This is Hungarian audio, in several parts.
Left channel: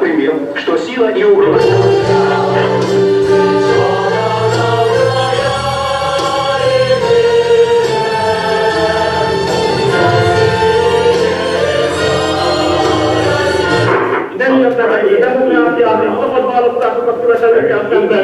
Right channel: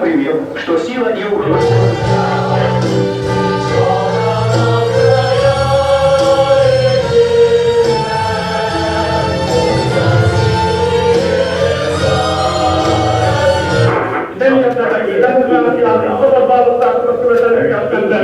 например, что сила и угроза... Nem értek egy demokráciát és szabad választásokat követelőkkel szemben.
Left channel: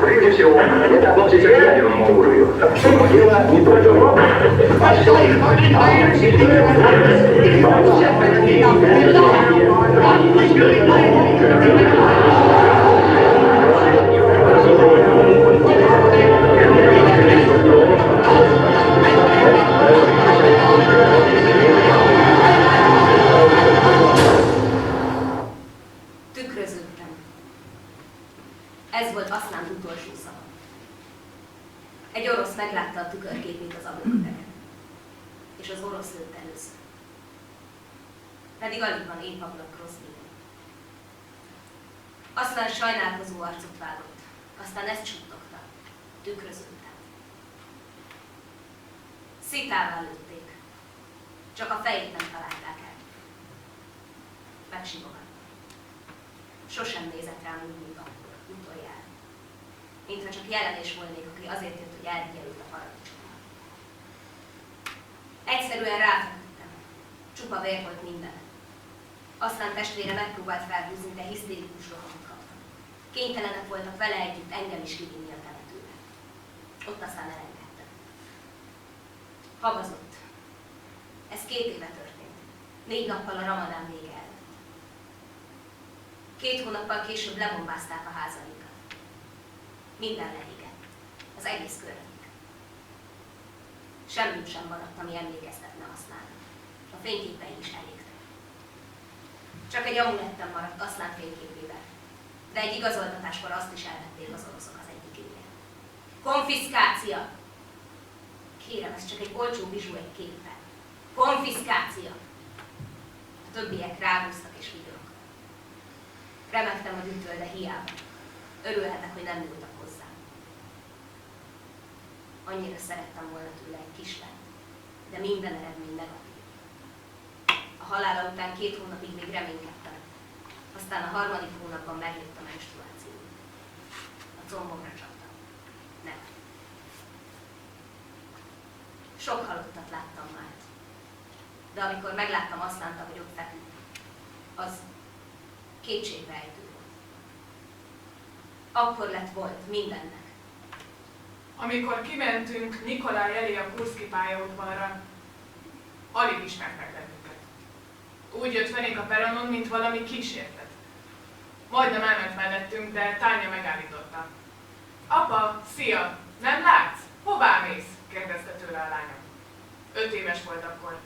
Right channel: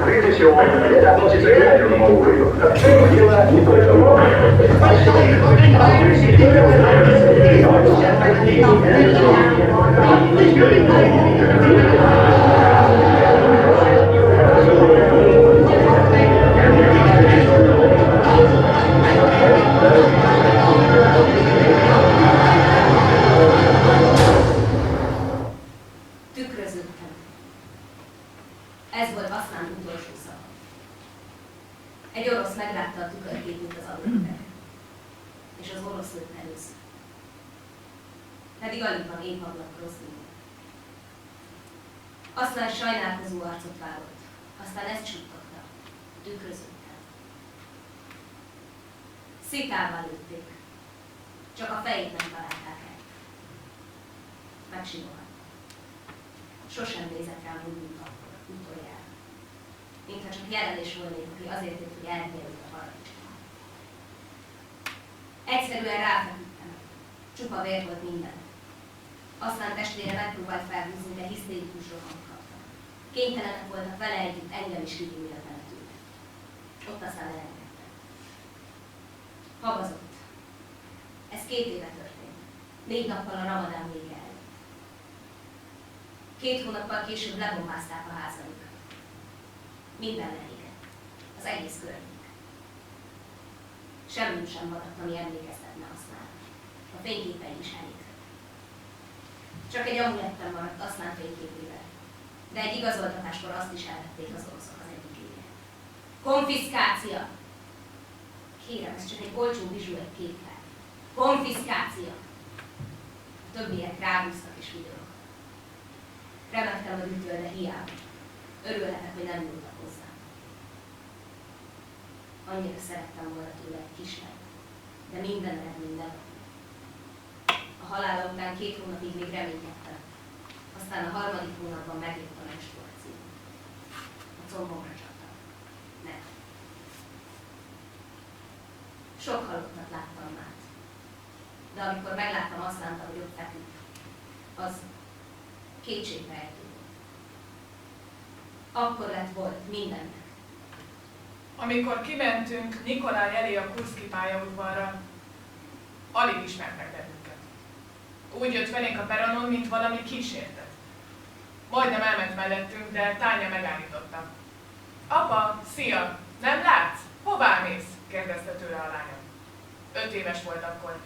Прежде всего, это относится к ядерному оружию. Но дело не только в Tükröződtem. Ez volt Aszlán utolsó szava. Egy orosz meglátta a tükörképét az ablaküvegen, és az orosz lőtt először. Pedig alig van épp ablak Groznyban. Aszlán sajnálkozó arcot vágott, aztán ezt suttogta. Tükröződtem. Szitával lőtték, csak a fejét nem találták el. Megsimogattam. Sosem nézett rám úgy, mint akkor, utoljára. Mintha csak jelenés volnék, aki azért jött, hogy elvigye őt a paradicsomba. Egyszerűen ráfeküdtem. Csupa vér volt minden. Aztán testvére megpróbált felhúzni, de hisztérikus rohamot kaptak. Kénytelenek voltak vele együtt engem is kivinni a temetőbe. Ott aztán elengedtem. Habazott. Ez 2 éve történt. 4 nappal a ramadán vége előtt. 2 hónappal később lebombázták a házaikat. Minden leégett. Az egész környék. Semmit sem maradt, ami emlékeztetne Aszlánra. A fényképei is elégtek. Csak egy amulettem maradt Aszlán fényképével. De egy igazoltatáskor azt is elvették az oroszok az egyikénél. Konfiszkácia! Kérem, ez csak egy olcsó bizsú egy képpel. Konfiszkácia! A többiek ráhúztak és vigyorogtak. Remektem a dühtől, de hiába. Örülhetek, hogy nem nyúltak hozzám. Annyira szerettem volna tőle egy kislányt, de minden eredmény negatív. A halála után 2 hónapig még reménykedtem. Aztán a 3. hónapban megjött a menstruáció. A combomra csaptam. Negatív. Sok halottat láttam már. De amikor megláttam Aszlánt, ahogy ott feküdt, az kétségbeejtő volt. Akkor lett volt mindennek. Amikor kimentünk Nikolaj elé a Kurszki pályaudvarra, alig ismertek bennünket. Úgy jött felénk a peronon, mint valami kísértet. Majdnem elment mellettünk, de Tánya megállította. Apa, szia! Nem látsz? Hová mész? Kérdezte tőle a lányom. 5 éves volt akkor.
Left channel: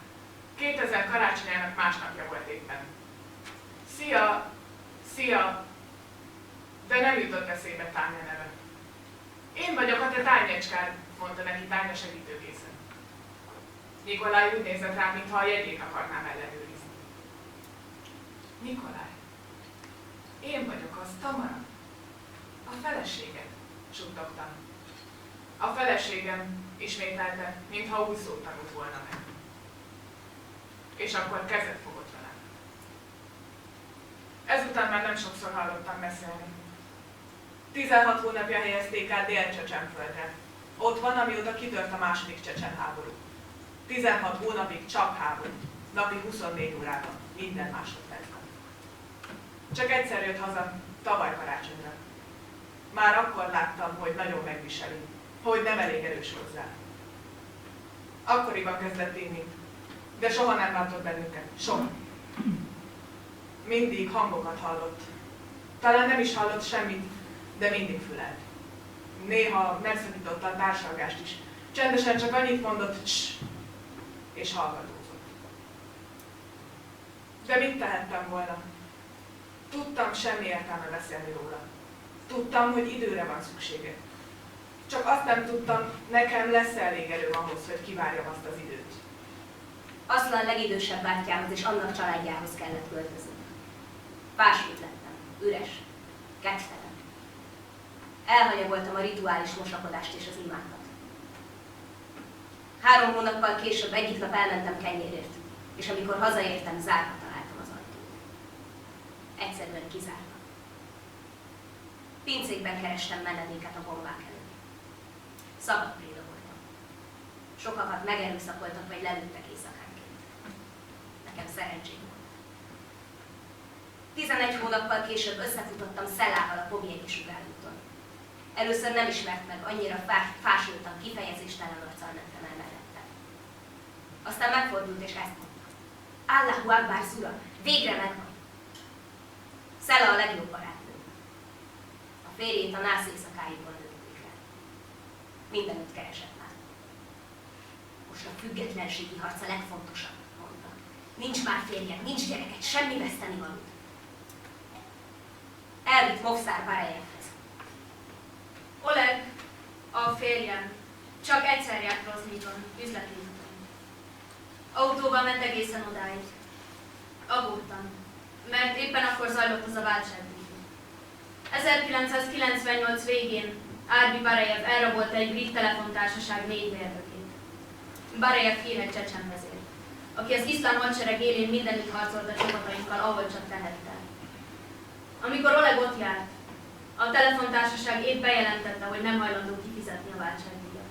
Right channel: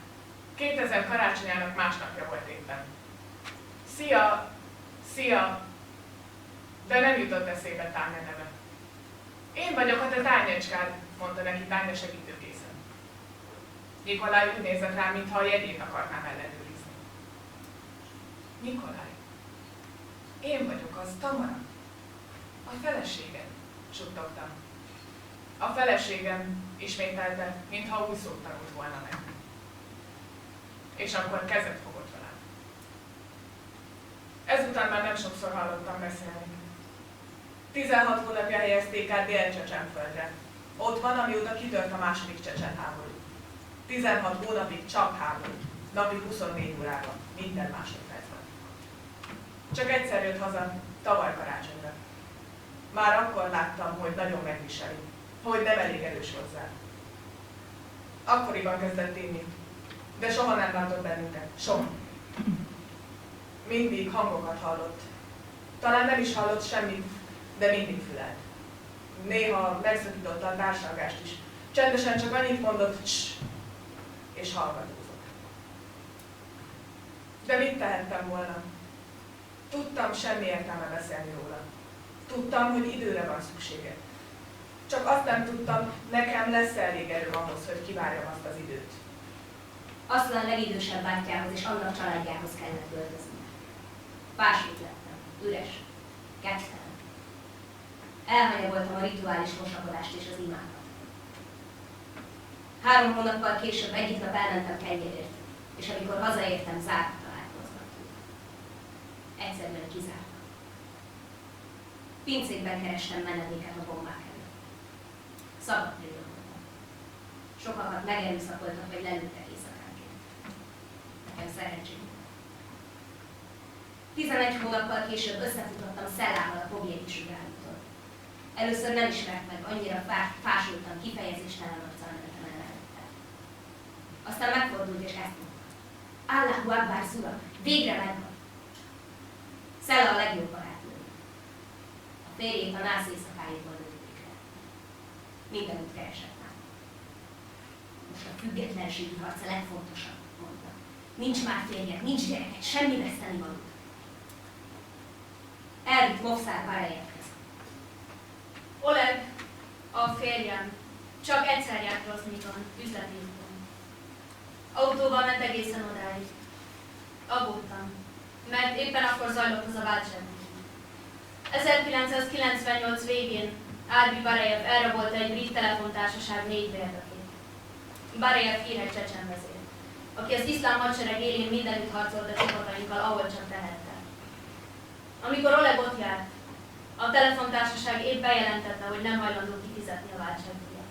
2000 karácsonyának másnapja volt éppen. Szia! Szia! De nem jutott eszébe Tánya neve. Én vagyok a te Tányecskád, mondta neki Tánya segítőkészen. Nikolaj úgy nézett rám, mintha a jegyét akarnám ellenőrizni. Nikolaj, én vagyok az, Tamara. A feleséged, suttogtam. A feleségem, ismételte, mintha új szót tanult volna meg. És akkor kezet fogott velem. Ezután már nem sokszor hallottam beszélni. 16 hónapja helyezték át Dél-Csecsenföldre. Ott van, amióta kitört a második csecsen háború. 16 hónapig csak háború. Napi 24 órában, minden másodpercben. Csak egyszer jött haza, tavaly karácsonyra. Már akkor láttam, hogy nagyon megviseli, hogy nem elég erős hozzá. Akkoriban kezdett inni, de soha nem látott bennünket. Soha. Mindig hangokat hallott. Talán nem is hallott semmit, de mindig fülelt. Néha megszakította a társalgást is. Csendesen csak annyit mondott, css, és hallgatózott. De mit tehettem volna? Tudtam, semmi értelme beszélni róla. Tudtam, hogy időre van szüksége. Csak azt nem tudtam, nekem lesz elég erőm ahhoz, hogy kivárjam azt az időt. Aszlán legidősebb bátyjához és annak családjához kellett költözni. Fásult lettem, üres. Kedvtelen. Elhanyagoltam a rituális mosakodást és az imákat. 3 hónappal később egyik nap elmentem kenyérért, és amikor hazaértem, zárva találtam az ajtót. Egyszerűen kizárva. Pincékben kerestem menedéket a bombák előtt. Szabad préda voltam. Sokakat megerőszakoltak vagy lelőttek éjszakánként. Nekem szerencsém volt. 11 hónappal később összefutottam Szelával a Pobjéki sugárúton. Először nem ismert meg, annyira fásultan, kifejezéstelen arccal mentem el mellette. Aztán megfordult és ezt mondta. Allahu Akbar, Zura, végre megvan. Szela a legjobb barátnőm. A férjét a nász éjszakáiból lőtték el. Mindenütt keresett már. Most a függetlenségi harc a legfontosabb, mondta. Nincs már férjed, nincs gyereket, semmi vesztenivalód. Elvitt Movszár Barejevhez. Oleg, a férjem, csak egyszer járt Groznyban, üzleti úton. Autóval ment egészen odáig. Aggódtam, mert éppen akkor zajlott az a váltságdíj. 1998 végén Arbi Barejev elrabolta egy brit telefontársaság 4 mérnökét. Barejev híres csecsen vezér, aki az iszlám hadsereg élén mindenütt harcolt a csapatainkkal, ahol csak tehette. Amikor Oleg ott járt, a telefontársaság épp bejelentette, hogy nem hajlandó kifizetni a váltságdíjat.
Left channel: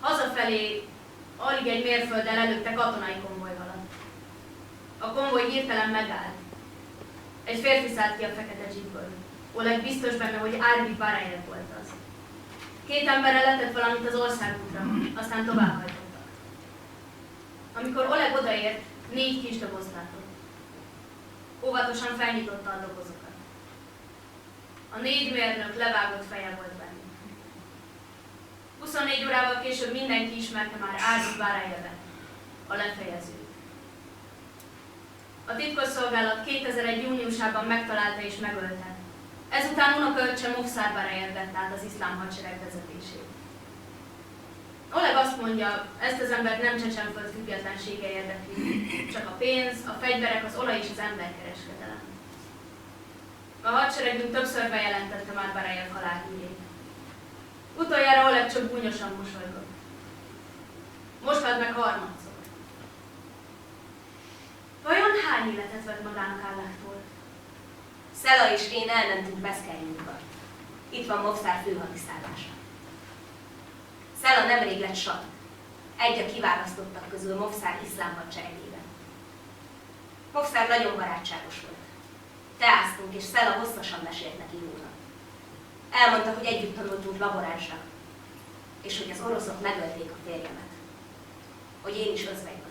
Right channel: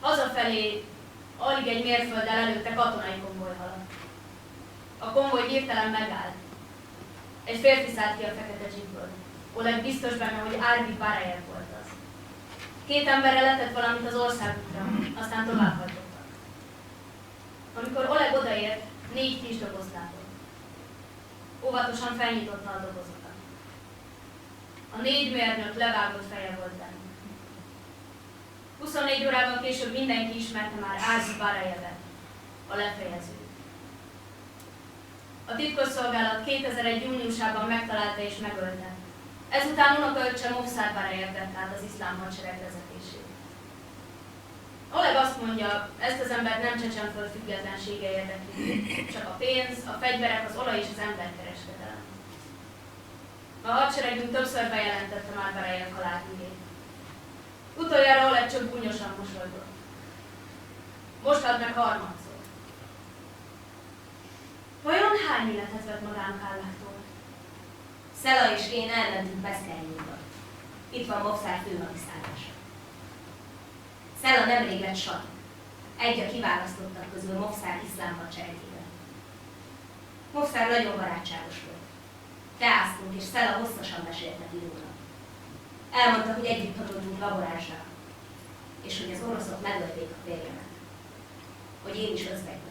Hazafelé alig egy mérfölddel előtte katonai konvoj haladt. A konvoj hirtelen megállt. Egy férfi szállt ki a fekete jeepből. Oleg biztos benne, hogy Arbi Barejev volt az. 2 emberre letett valamit az országútra, aztán továbbhajtottak. Amikor Oleg odaért, 4 kis dobozt látott. Óvatosan felnyitotta a dobozokat. A 4 mérnök levágott feje volt bennük. 24 órával később mindenki ismerte már Arbi Barejevet, a lefejezőt. A titkosszolgálat 2001. júniusában megtalálta és megölte. Ezután unokaöccse Movszár Barejev vett át az iszlám hadsereg vezetését. Oleg azt mondja, ezt az embert nem Csecsenföld függetlensége érdekli, csak a pénz, a fegyverek, az olaj és az emberkereskedelem. A hadseregünk többször bejelentette már Barejev halálhírét. Utoljára Oleg csak gúnyosan mosolygott. Most halt meg harmadszor. Vajon hány életet vett magának Allahtól? Szela és én elmentünk Beszkernyúba. Itt van Movszár főhadiszállása. Szela nemrég lett sat. Egy a kiválasztottak közül Movszár iszlám hadseregében. Movszár nagyon barátságos volt. Teáztunk, és Szela hosszasan mesélt neki róla. Elmondta, hogy együtt tanultunk laboránsra, és hogy az oroszok megölték a férjemet. Hogy én is özvegy vagyok.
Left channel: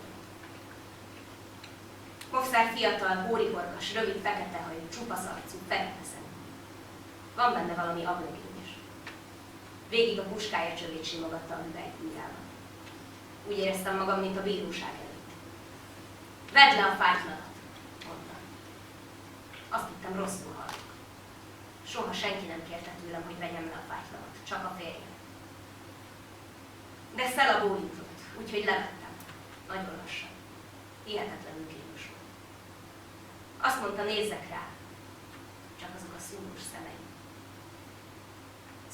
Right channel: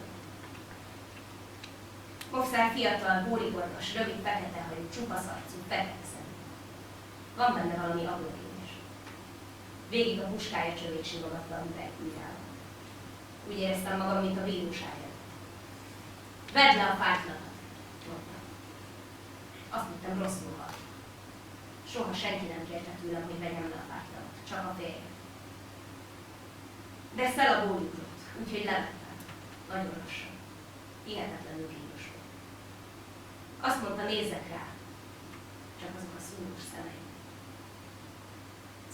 Movszár fiatal, hóriborgas, rövid, fekete hajú, csupasz arcú, fekete szemű. Van benne valami ablökény is. Végig a puskája csövét simogatta a üvegbírával. Úgy éreztem magam, mint a bíróság előtt. Vedd le a fájtladat, mondta. Azt hittem, rosszul hallok. Soha senki nem kérte tőlem, hogy vegyem le a fájtladat, csak a férjem. De Szela bólintott, úgyhogy levettem. Nagyon lassan. Hihetetlenül kínos volt. Azt mondta, nézzek rá. Csak azok a szúrós szemei.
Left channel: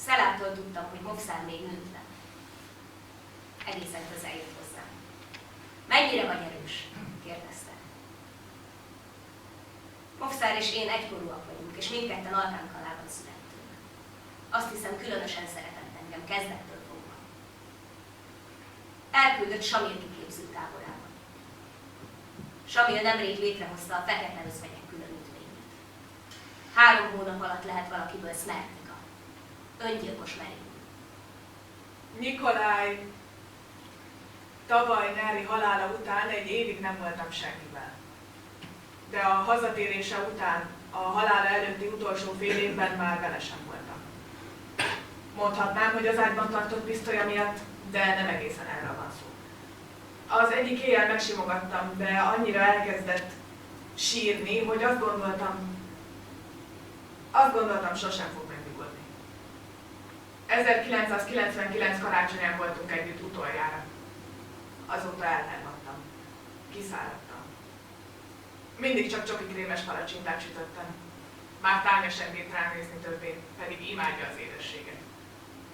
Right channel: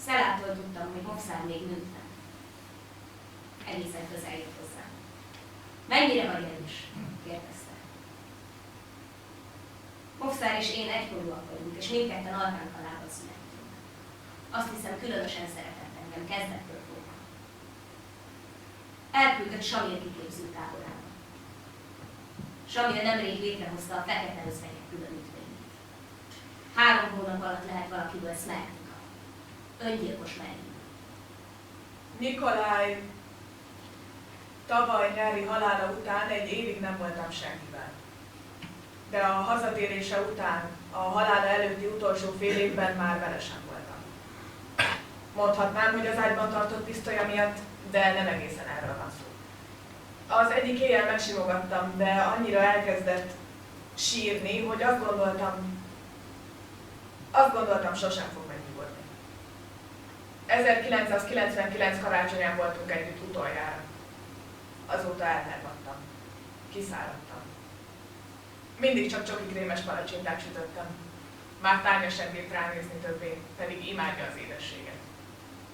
Szelától tudtam, hogy Movszár még nőtlen. Egészen közel jött hozzám. Mennyire vagy erős? Kérdezte. Movszár és én egykorúak vagyunk, és mindketten Alkánkalában születtünk. Azt hiszem, különösen szeretett engem, kezdettől fogva. Elküldött Samil kiképző táborába. Samil nemrég létrehozta a fekete özvegyek különítményét. 3 hónap alatt lehet valakiből Szmertika. Öngyilkos merénylő. Nikolaj tavaly nyári halála után 1 évig nem voltam senkivel. De a hazatérése után, a halála előtti utolsó fél évben már vele sem voltam. Mondhatnám, hogy az ágyban tartott pisztolya miatt, de nem egészen erről van szó. Az egyik éjjel megsimogattam, de annyira elkezdett sírni, hogy azt gondoltam, sosem fog megnyugodni. 1999 karácsonyán voltunk együtt utoljára. Azóta elhervadtam. Kiszáradtam. Mindig csak csoki krémes palacsintát sütöttem. Már Tánya sem bírt ránézni többé, pedig imádja az édességet.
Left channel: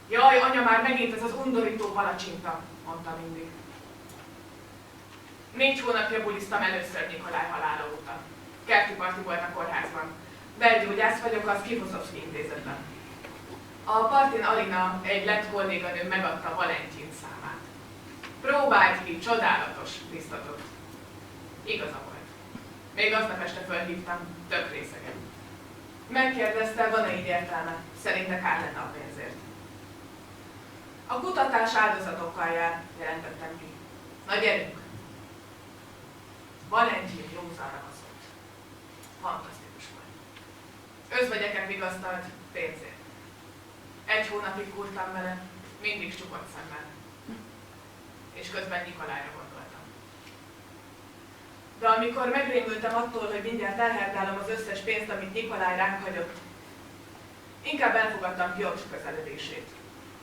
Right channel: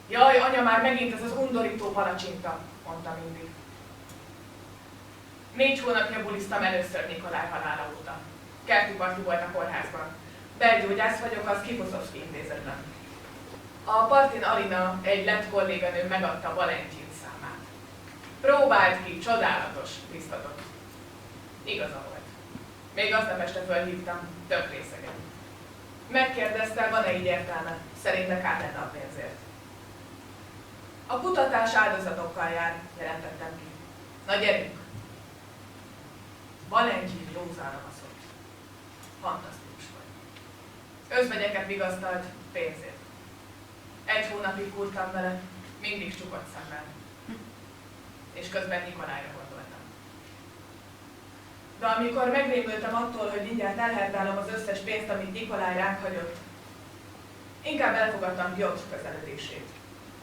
Jaj, anya, már megint ez az undorító palacsinta, mondta mindig. 4 hónapja buliztam először Nikolaj halála óta. Kerti parti volt a kórházban. Belgyógyász vagyok az Kifosovszky intézetben. A partin Alina, egy lett kolléganő megadta Valentin számát. Próbált ki, csodálatos, biztatott. Igaza volt. Még aznap este fölhívtam, tök részegen. Megkérdezte, van-e így értelme, szerinte kár lenne a pénzért. A kutatás áldozatokkal jár, jelentettem ki. Na gyerünk! Valentin józanra baszott. Fantasztikus volt. Özvegyeket vigasztalt pénzért. 1 hónapig kurtam vele, mindig csukott szemmel. És közben Nikolájra gondoltam. De amikor megrémültem attól, hogy mindjárt elherdálom az összes pénzt, amit Nikolaj ránk hagyott, inkább elfogadtam Piotr közeledését.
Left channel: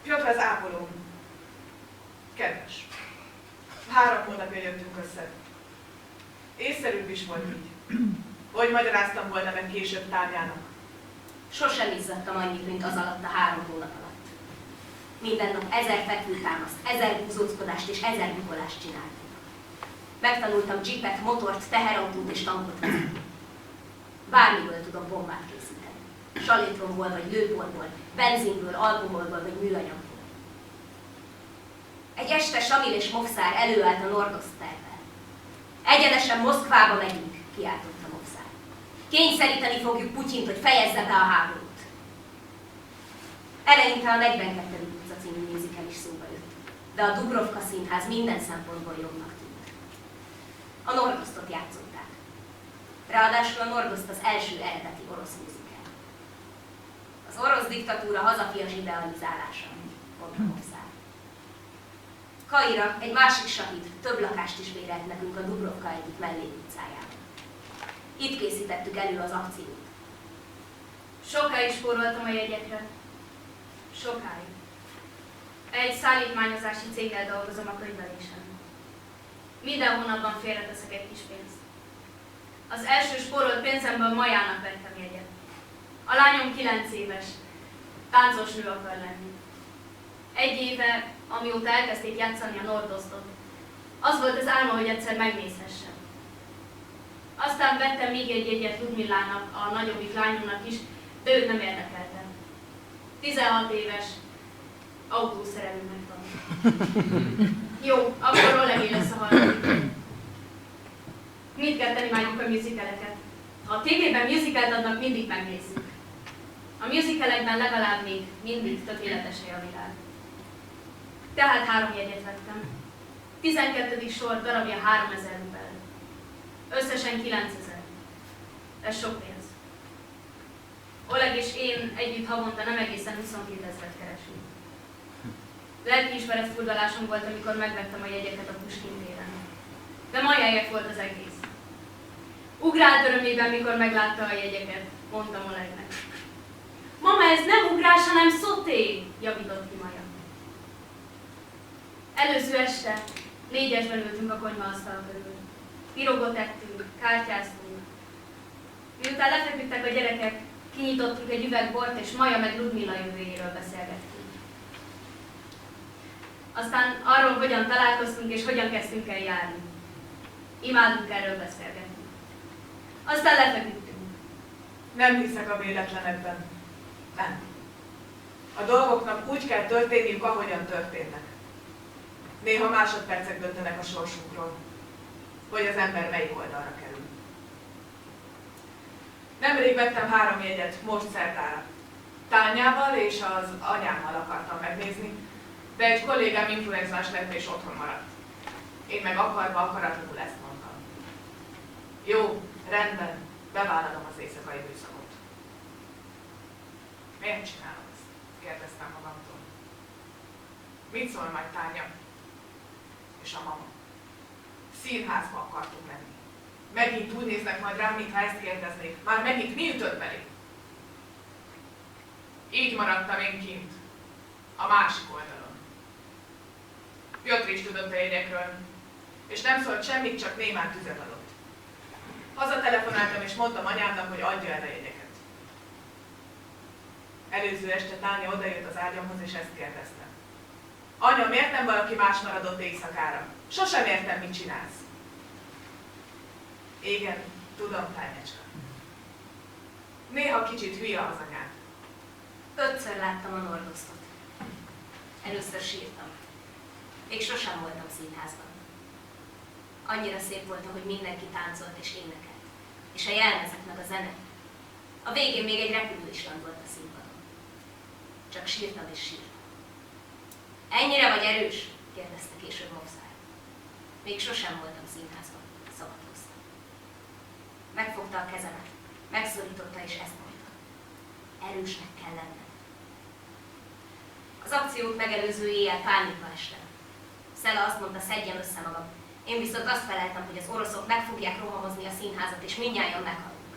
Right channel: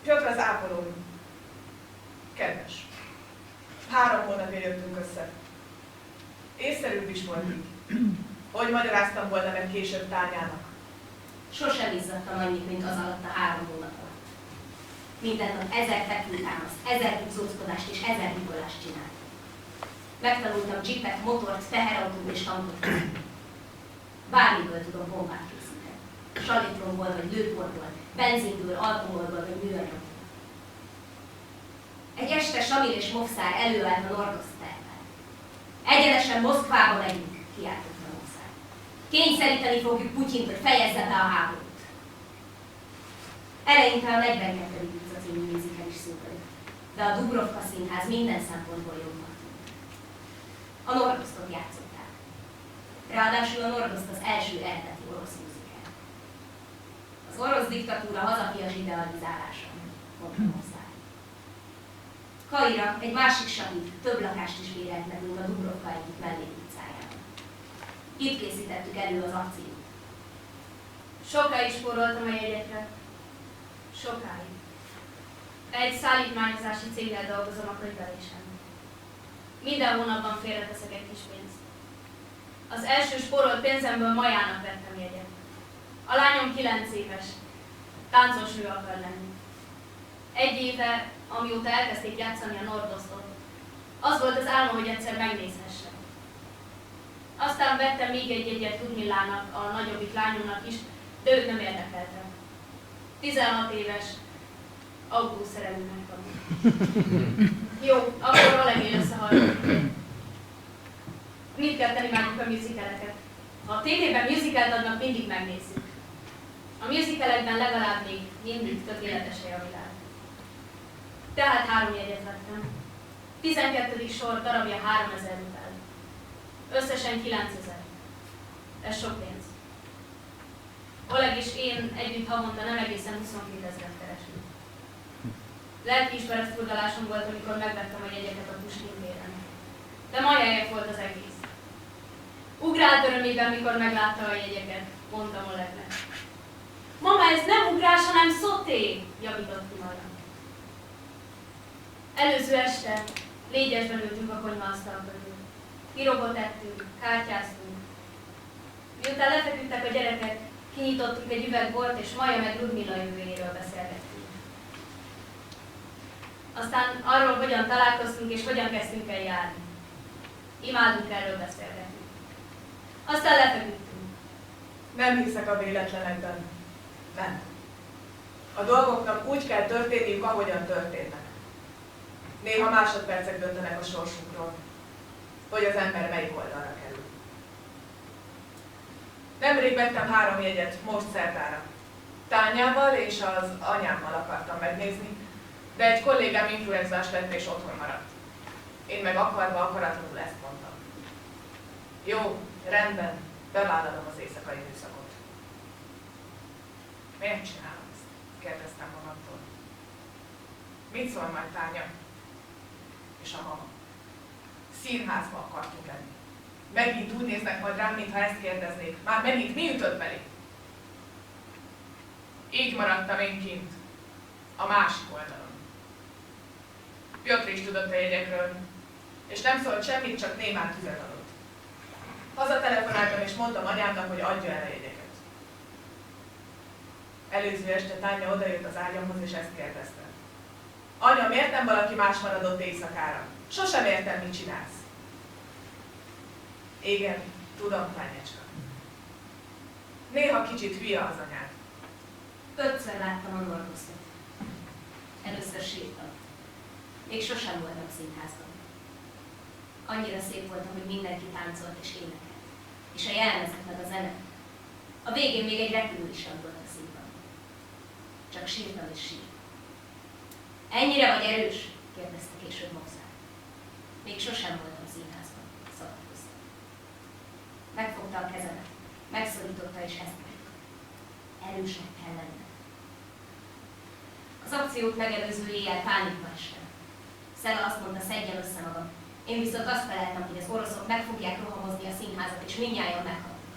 Piotr az ápolóm. Kedves. 3 hónapja jöttünk össze. Észszerűbb is volt így. Hogy magyaráztam volna meg később Tányának. Sosem izzadtam annyit, mint az alatt a 3 hónap alatt. Minden nap 1000 fekvőtámaszt, 1000 húzóckodást és 1000 bukolást csináltam. Megtanultam jeepet, motort, teherautót és tankot vezetni. Bármiből tudom bombát készíteni. Salétromból vagy lőporból, benzinből, alkoholból vagy műanyagból. Egy este Samil és Movszár előállt a Nordost tervvel. Egyenesen Moszkvába megyünk, kiáltotta Movszár. Kényszeríteni fogjuk Putyint, hogy fejezze be a háborút. Eleinte a 42. utca című musical is szóba jött, de a Dubrovka színház minden szempontból jobbnak tűnt. A Nordostot játszották. Ráadásul a Nordost az első eredeti orosz musical. Az orosz diktatúra hazafias idealizálása, mondta Movszár. Kaira, egy másik sahid, több lakást is bérelt nekünk a Dubrovka egyik mellékutcájában. Itt készítettük elő az akciót. Sokáig spóroltam a jegyekre. Sokáig. Egy szállítmányozási céggel dolgozom a könyvelésen. Minden hónapban félreteszek egy kis pénzt. Az első spórolt pénzemből Majának vettem jegyet. A lányom 9 éves. Táncos nő akar lenni. 1 éve, amióta elkezdték játszani a Nordostot, az volt az álma, hogy egyszer megnézhessem. Aztán vettem még egy jegyet Ludmillának, a nagyobbik lányomnak is, de őt nem érdekelte. 16 éves, autószerelőnek tanul. Jó, akkor Olegé lesz a harmadik. Mindketten imádjuk a musicaleket. Ha a tévében musicalt adnak, mindig megnézzük. A musicalekben legalább még mindig tökéletes a világ. Tehát 3 jegyet vettem. 12. sor darabja 3000 rubel. Összesen 9000. Ez sok pénz. Oleg és én együtt havonta nem egészen 22 000 keresünk. Lelkiismeret furdalásom volt, amikor megvettem a jegyeket a Puskin téren. De majáért volt az egész. Ugrált örömében, mikor meglátta a jegyeket, mondtam Olegnek. Mama, ez nem ugrás, hanem szoté, javított ki Maja. Előző este 4-esben ültünk a konyhaasztal körül. Pirogot ettünk, kártyáztunk. Miután lefeküdtek a gyerekek, kinyitottunk egy üveg bort, és Maja meg Ludmilla jövőjéről beszélgettünk. Aztán arról, hogyan találkoztunk, és hogyan kezdtünk el járni. Imádunk erről beszélgetni. Aztán lefeküdtünk. Nem hiszek a véletlenekben. Nem. A dolgoknak úgy kell történniük, ahogyan történnek. Néha másodpercek döntenek a sorsunkról, hogy az ember melyik oldalra kerül. Nemrég vettem 3 jegyet, most szerdára. Tányával és az anyámmal akartam megnézni, de egy kollégám influenzás lett és otthon maradt. Én meg akarva akaratlanul ezt mondtam. Jó, rendben, bevállalom az éjszakai műszakot. Miért csinálom ezt? Kérdeztem magamtól. Mit szól majd Tánya? És a mama. Színházba akartunk lenni. Megint úgy néznek majd rám, mintha ezt kérdeznék. Már megint mi ütött belé? Így maradtam én kint, a másik oldalon. Piotr is tudott a jegyekről, és nem szólt semmit, csak némán tüzet adott. Hazatelefonáltam és mondtam anyámnak, hogy adja el a jegyeket. Előző este Tánya odajött az ágyamhoz, és ezt kérdezte. Anya, miért nem valaki más maradott éjszakára? Sosem értem, mit csinálsz. Igen, tudom, Tányecska. Néha kicsit hülye az anyád. 5-ször láttam a Nordostot. Először sírtam. Még sosem voltam színházban. Annyira szép volt, ahogy mindenki táncolt és énekelt. És a jelmezek meg a zene. A végén még egy repülő is landolt a színpadon. Csak sírtam és sírtam. Ennyire vagy erős? Kérdezte később Mopszár. Még sosem voltam színházban, szabad hozta. Megfogta a kezemet, megszorította és ezt mondta. Erősnek kell lenned. Az akciót megelőző éjjel pánikba estem. Szela azt mondta, szedjem össze magam. Én viszont azt feleltem, hogy az oroszok meg fogják rohamozni a színházat, és mindnyájan meghalnak.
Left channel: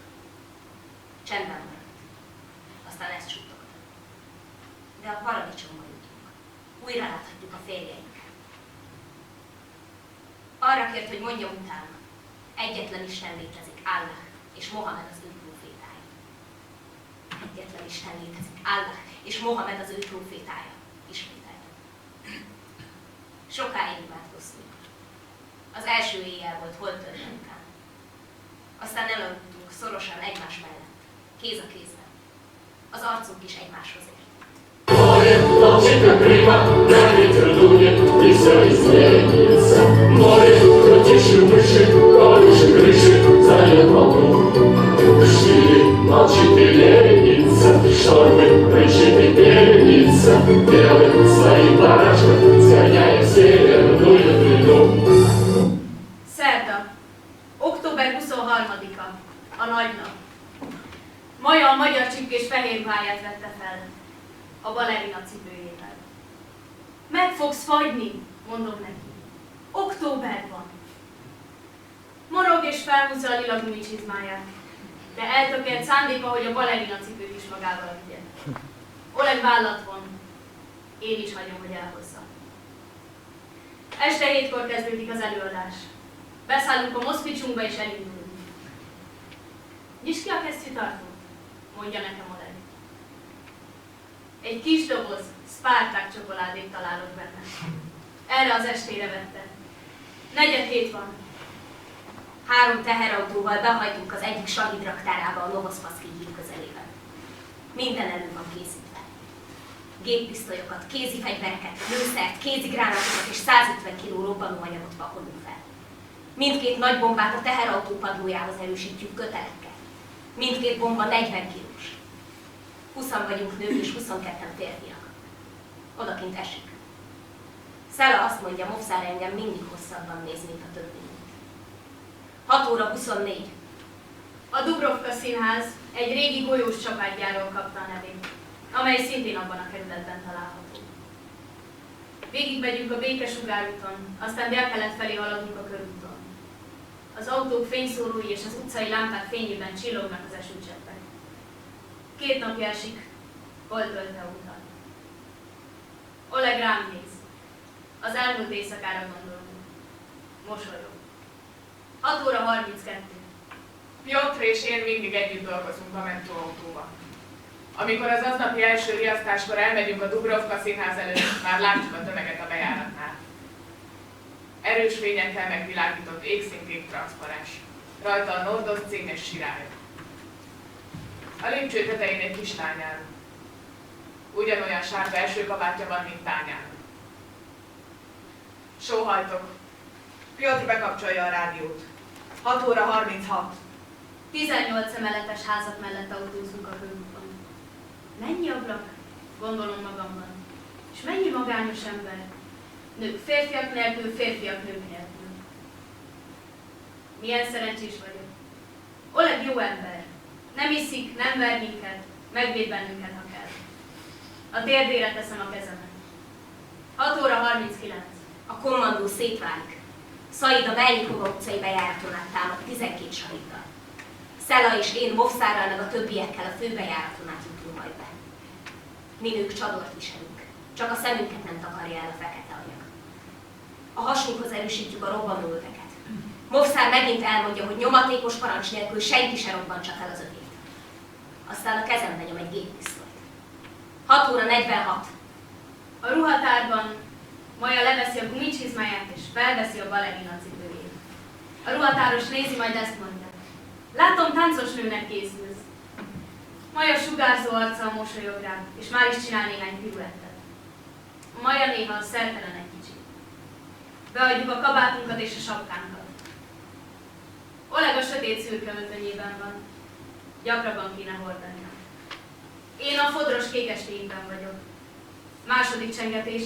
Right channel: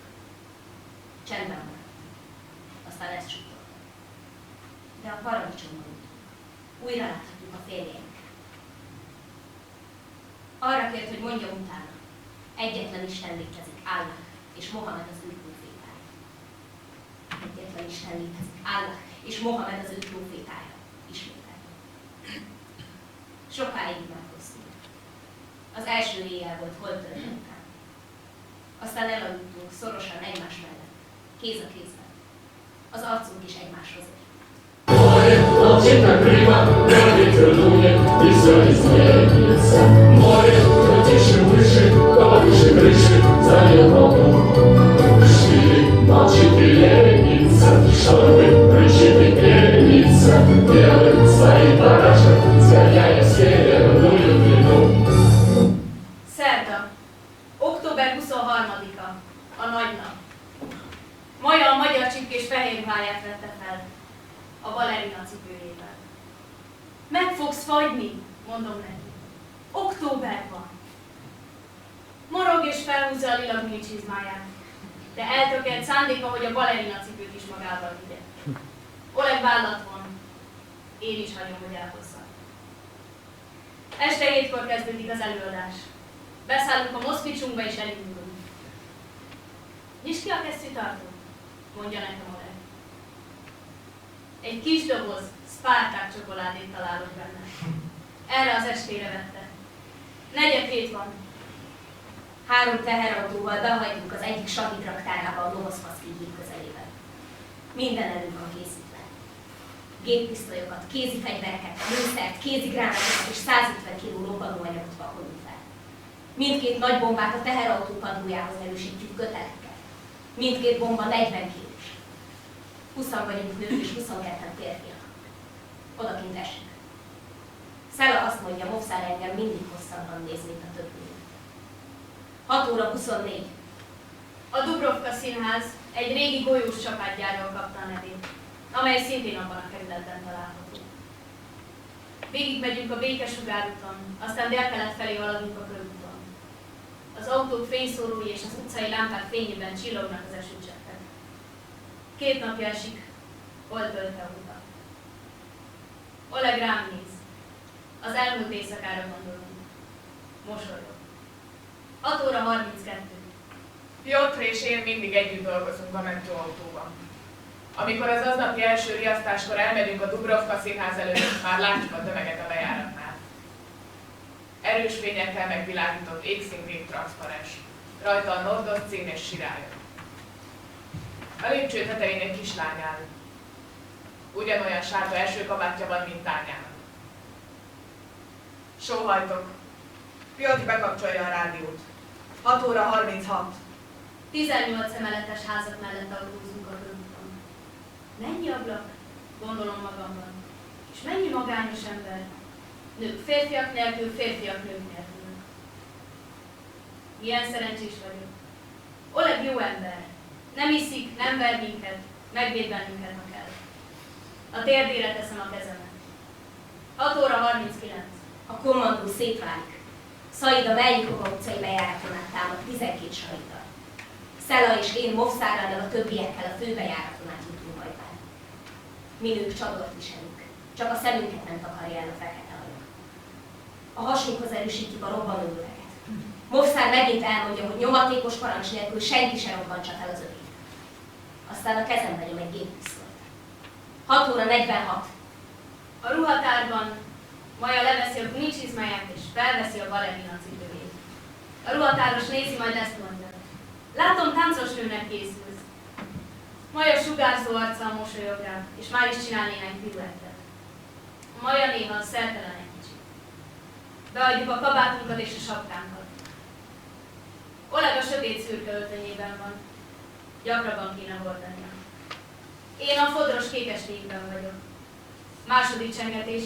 Csendben maradt. Aztán ezt suttogtam. De a paradicsomba jutunk. Újra láthatjuk a férjeinket. Arra kért, hogy mondjam utána. Egyetlen Isten létezik, Allah, és Mohamed az ő prófétája. Egyetlen Isten létezik, Allah, és Mohamed az ő prófétája. Ismételtem. Sokáig imádkoztunk. Az első éjjel volt holdtölten után. Aztán elaludtunk szorosan egymás mellett, kéz a kézben. Az arcunk is egymáshoz ért. Молчит прямо, ветер дует, и все изменится. Море, крутишь мыши, колыши крыши, зальет волну. Штиль молчит и ленится, штормы кричит и пенится. Белый своим барашком, сгоняя в северную длину. Szerda, október 23-a, a nagy nap. Maja a magyar csipkés fehér ruháját vette fel, a balerina cipőjével. Meg fogsz fagyni, mondom neki. Október van. Morog és felhúzza a lila gumicsizmáját, de eltökélt szándéka, hogy a balerina cipőt is magával vigye. Oleg vállat von. Én is hagyom, hogy elhozza. Este 7-kor kezdődik az előadás. Beszállunk a moszkvicsunkba és elindulunk. Nyisd ki a kesztyűtartót, mondja nekem Oleg. Egy kis doboz Spartak csokoládét találok benne. Erre az estére vette. 4:07 van. 3 teherautóval behagyjuk az egyik Sahid raktárába a Novoszpaszki híd közelében. Minden elő van készítve. Géppisztolyokat, kézi fegyvereket, lőszert, kézigránátokat és 150 kg robbanóanyagot pakolunk fel. Mindkét nagy bombát a teherautó padlójához erősítjük kötelekkel. Mindkét bomba 40 kilós. 20 vagyunk nők és 22 férfiak. Odakint esik. Szela azt mondja, Mopszár engem mindig hosszabban néz, mint a többi nőt. 6:24. A Dubrovka Színház egy régi golyós csapátgyárról kapta a nevét, amely szintén abban a kerületben található. Végigmegyünk a Békesugárúton, aztán délkelet felé haladunk a körúton. Az autók fényszórói és az utcai lámpák fényében csillognak az esőcseppek. 2 napja esik, holdtölte óta. Oleg rám néz. Az elmúlt éjszakára gondolunk. Mosolyog. 6:32. Piotr és én mindig együtt dolgozunk a mentőautóban. Amikor az aznapi első riasztáskor elmegyünk a Dubrovka Színház előtt, már látjuk a tömeget a bejáratnál. Erős fényekkel megvilágított égszintén transzparens. Rajta a Nordos cím és sirály. A lépcső tetején egy kislány áll. Ugyanolyan sárga esőkabátja van, mint Tányának. Sóhajtok. Piotr bekapcsolja a rádiót. 6:36. 18 emeletes házak mellett autózunk a körúton. Mennyi ablak? Gondolom magamban. És mennyi magányos ember? Nők férfiak nélkül, férfiak nők nélkül. Milyen szerencsés vagyok. Oleg jó ember. Nem iszik, nem ver minket, megvéd bennünket, ha kell. A térdére teszem a kezemet. 6:39. A kommandó szétválik. Szaid a Melnyikova utcai bejáraton át támad 12 sahiddal. Szela és én Mopszárral meg a többiekkel a főbejáraton át jutunk majd be. Mi nők csadort viselünk, csak a szemünket nem takarja el a fekete anyag. A hasunkhoz erősítjük a robbanóöveket. Mopszár megint elmondja, hogy nyomatékos parancs nélkül senki se robbantsa fel az övét. Aztán a kezembe nyom egy géppisztolyt. 6 óra 46. A ruhatárban Maja leveszi a gumicsizmáját és felveszi a balerina cipőjét. A ruhatáros nézi, majd ezt mondja. Látom, táncos nőnek készülsz. Maja sugárzó arccal mosolyog rá, és már is csinál néhány piruettet. Maja néha szertelen egy kicsit. Beadjuk a kabátunkat és a sapkánkat. Oleg a sötét szürke öltönyében van. Gyakrabban kéne hordania. Én a fodros kékestékben vagyok. Második csengetés.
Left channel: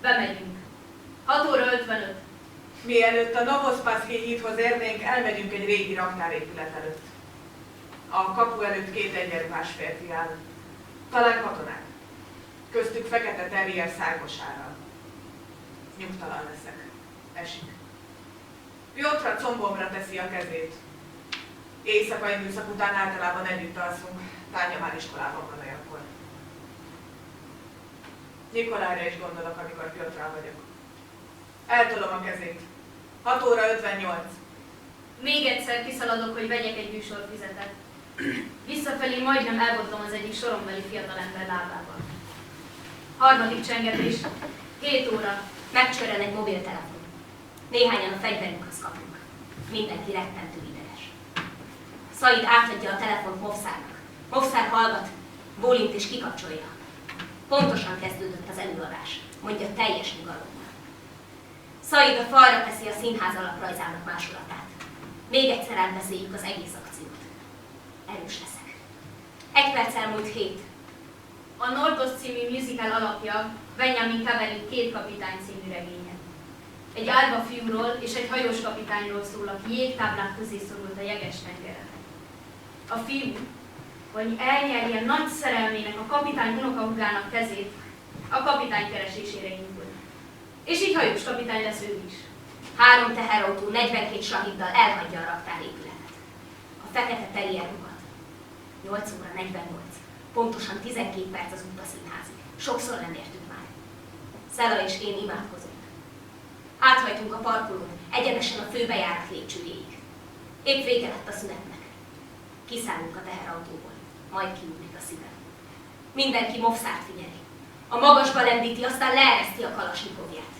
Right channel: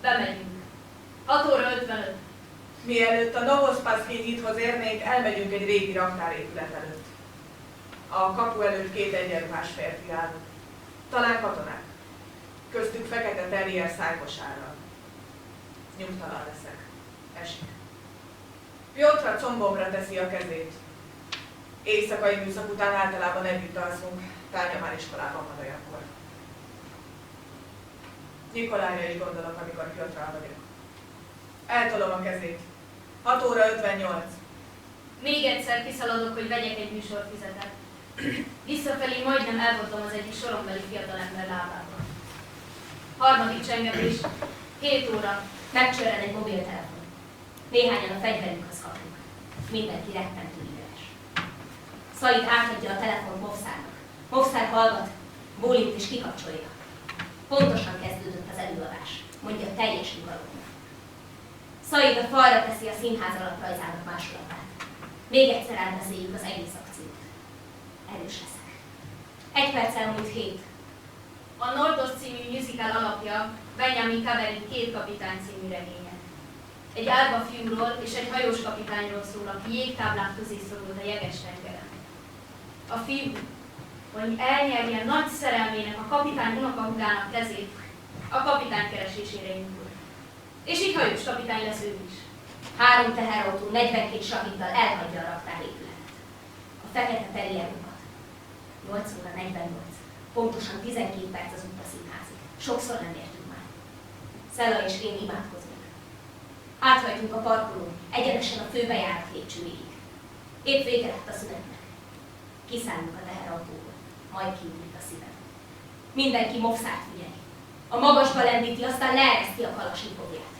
Bemegyünk. 6 óra 55. Mielőtt a Novospaszki hídhoz érnénk, elmegyünk egy régi raktárépület előtt. A kapu előtt 2 egyenruhás férfi áll. Talán katonák. Köztük fekete terrier szárkosárral. Nyugtalan leszek. Esik. Piotra combomra teszi a kezét. Éjszakai műszak után általában együtt alszunk. Tánya már iskolában van olyankor. Nikolájra is gondolok, amikor Piotrral vagyok. Eltolom a kezét. 6 óra 58. Még egyszer kiszaladok, hogy vegyek egy műsorfizetet. Visszafelé majdnem elbotlom az egyik sorombeli fiatalember lábával. Harmadik csengetés. 7 óra. Megcsörren egy mobiltelefon. Néhányan a fegyverünkhöz kapunk. Mindenki rettentő ideges. Szaid átadja a telefont Movszárnak. Movszár hallgat, bólint és kikapcsolja. Pontosan kezdődött az előadás, mondja teljes nyugalommal. Szaid a falra teszi a színház alaprajzának másolatát. Még egyszer átbeszéljük az egész akciót. Erős leszek. 1 perc elmúlt 7. A Nordos című musical alapja Benjamin Kaverin 2 kapitány című regénye. Egy árva fiúról és egy hajós kapitányról szól, aki jégtáblák közé szorult a jeges tengeren. A fiú, hogy elnyerje nagy szerelmének a kapitány unokahúgának kezét, a kapitány keresésére indul. És így hajós kapitány lesz ő is. 3 teherautó 42 sahiddal elhagyja a raktárépületet. A fekete terrier ugat. 8 óra 48. Pontosan 12 perc az út a színházig. Sokszor nem értünk már. Szela és én imádkozunk. Áthajtunk a parkolón, egyenesen a főbejárat lépcsőjéig. Épp vége lett a szünetnek. Kiszállunk a teherautóból, majd kiugrik a szívem. Mindenki Movszárt figyeli. A magasba lendíti, aztán leereszti a kalasnyikovját.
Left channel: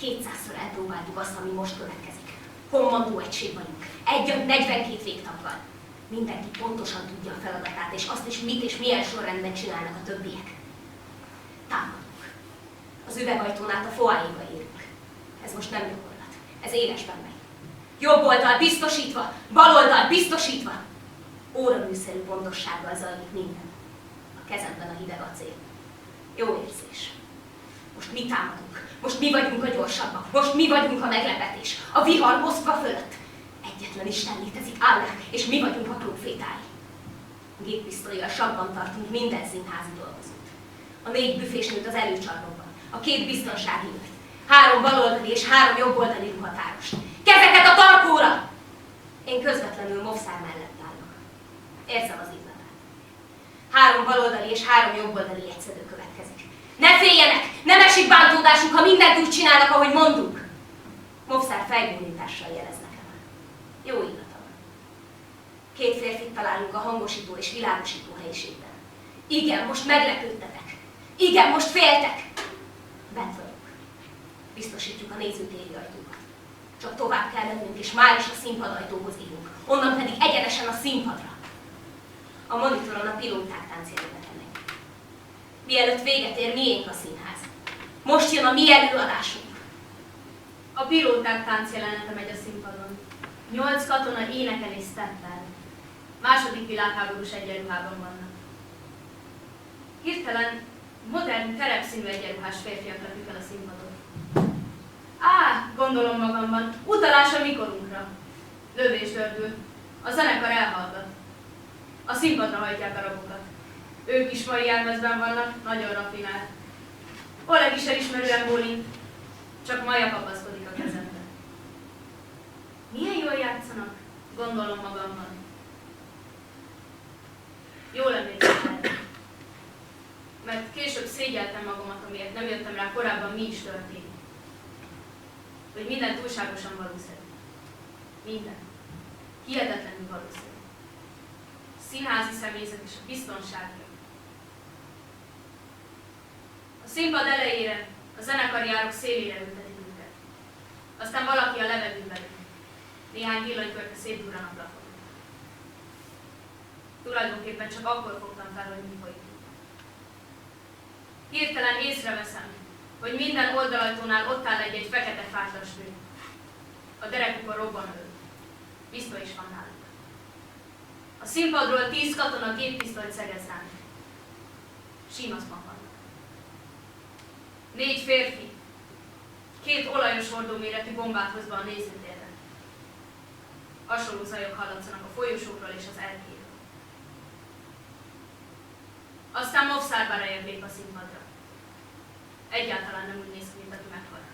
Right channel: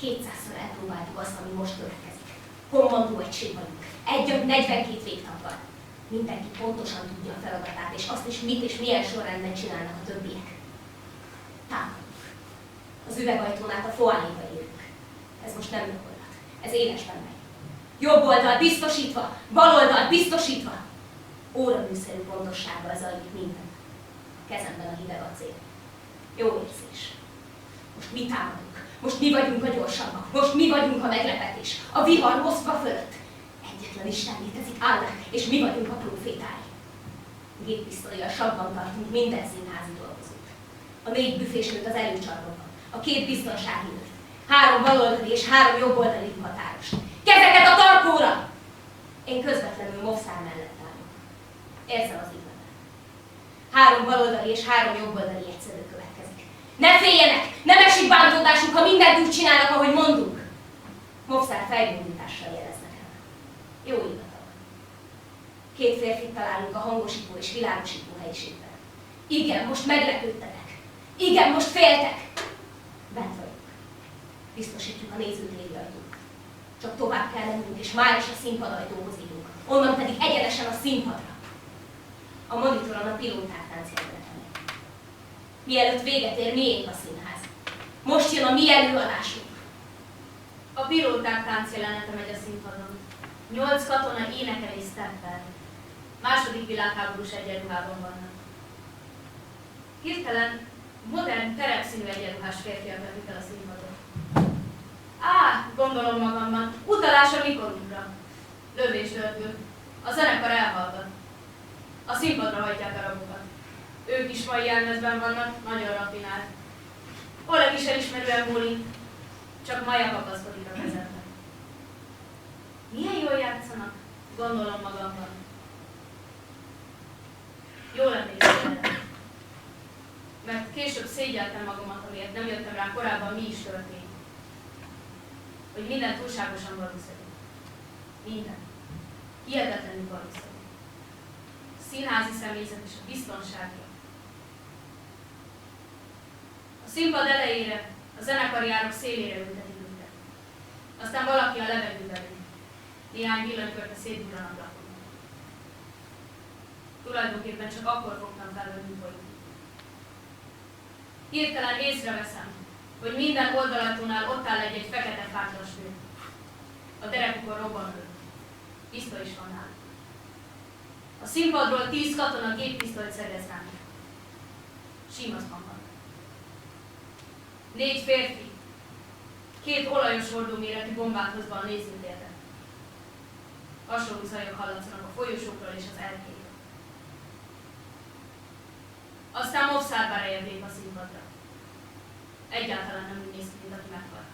200-szor elpróbáltuk azt, ami most következik. Kommandó egység vagyunk. Egy agy 42 végtaggal. Mindenki pontosan tudja a feladatát, és azt is mit és milyen sorrendben csinálnak a többiek. Támadunk. Az üvegajtón át a foájéba érünk. Ez most nem gyakorlat. Ez élesben megy. Jobb oldal biztosítva, bal oldal biztosítva. Óraműszerű pontossággal zajlik minden. A kezemben a hideg acél. Jó érzés. Most mi támadunk. Most mi vagyunk a gyorsabbak. Most mi vagyunk a meglepetés. A vihar Moszkva fölött. Egyetlen Isten létezik, Allah, és mi vagyunk a prófétái. Géppisztollyal sabban tartunk minden színházi dolgozót. A 4 büfésnőt az előcsarnokban. A 2 biztonsági őrt. 3 baloldali és 3 jobboldali ruhatárost. Kezeket a tarkóra! Én közvetlenül Movszár mellett állok. Érzem az illatát. 3 baloldali és 3 jobboldali egyszedő következik. Ne féljenek! Nem esik bántódásuk, ha mindent úgy csinálnak, ahogy mondunk! Movszár fejbólintással jelez nekem. Jó illata van. 2 férfit találunk a hangosító és világosító helyiségben. Igen, most meglepődtetek. Igen, most féltek. Bent vagyunk. Biztosítjuk a nézőtéri ajtókat. Csak tovább kell mennünk, és már is a színpadajtóhoz érünk. Onnan pedig egyenesen a színpadra. A monitoron a pilóták táncjelenete megy. Mielőtt véget ér, miénk a színház. Most jön a mi előadásunk. A pilóták táncjelenete megy a színpadon. 8 katona énekel és steppel. Második világháborús egyenruhában vannak. Hirtelen modern, terepszínű egyenruhás férfiak lepik el a színpadon. Gondolom magamban, utalás a mikorunkra. Lövés dördül. A zenekar elhallgat. A színpadra hajtják a rabokat. Ők is mai jelmezben vannak, nagyon raffinált. Oleg is elismerően bólint, csak Maja kapaszkodik a kezembe. Milyen jól játszanak, gondolom magamban. Jól emlékszem erre. Mert később szégyeltem magamat, amiért nem jöttem rá korábban, mi is történik. Hogy minden túlságosan valószerű. Minden. Hihetetlenül valószerű. A színházi személyzet és a biztonságia. színpad elejére, a zenekari árok szélére ültetik őket. Aztán valaki a levegőbe ül. Néhány villanykörte szétdurran a plafonon. Tulajdonképpen csak akkor fogtam fel, hogy mi folyik. Hirtelen észreveszem, hogy minden oldalajtónál ott áll egy fekete fátlas nő. A derekukon robbanlő. Pisztoly is van náluk. A színpadról 10 katona géppisztolyt szegez ránk. Símaszban vannak. 4 férfi, 2 olajos hordóméretű bombát hozva a nézőtérre. Hasonló zajok hallatszanak a folyosókról és az erkéről. Aztán Movsár Barajev lép a színpadra. Egyáltalán nem úgy néz ki, mint aki meghal.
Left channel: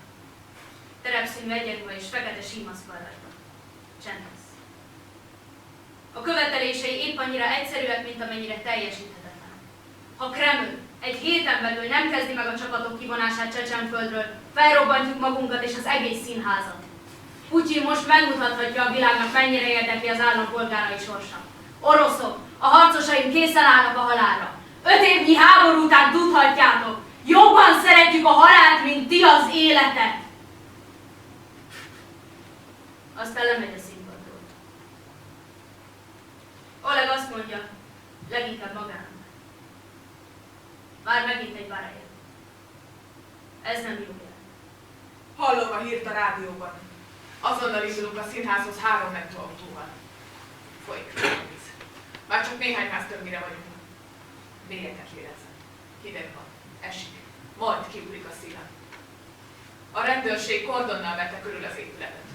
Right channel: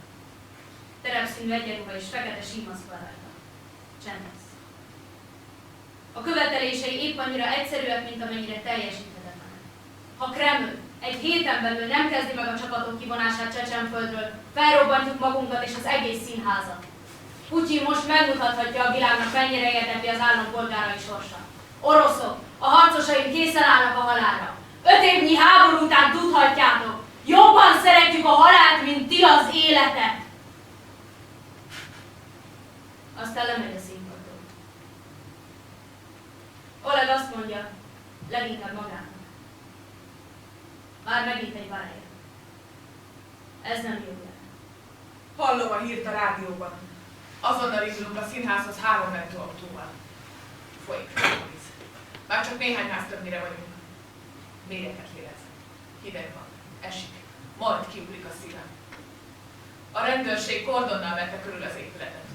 Terepszínű egyenruha és fekete símaszk van rajta. Csend lesz. A követelései épp annyira egyszerűek, mint amennyire teljesíthetetlenek. Ha Kreml egy héten belül nem kezdi meg a csapatok kivonását Csecsenföldről, felrobbantjuk magunkat és az egész színházat. Putyin most megmutathatja a világnak, mennyire érdekli az állampolgárai sorsa. Oroszok, a harcosaink készen állnak a halálra. 5 évnyi háború után tudhatjátok, jobban szeretjük a halált, mint ti az életet. Aztán lemegy a színpadról. Oleg azt mondja, leginkább magának. Már megint egy Barajev. Ez nem jó jel. Hallom a hírt a rádióban. Azonnal indulunk a színházhoz 3 autóval. Folyik a víz. Már csak néhány ház többnyire vagyunk. Mélyeket lélegzem. Hideg van. Esik. Majd kiugrik a szívem. A rendőrség kordonnal vette körül az épületet.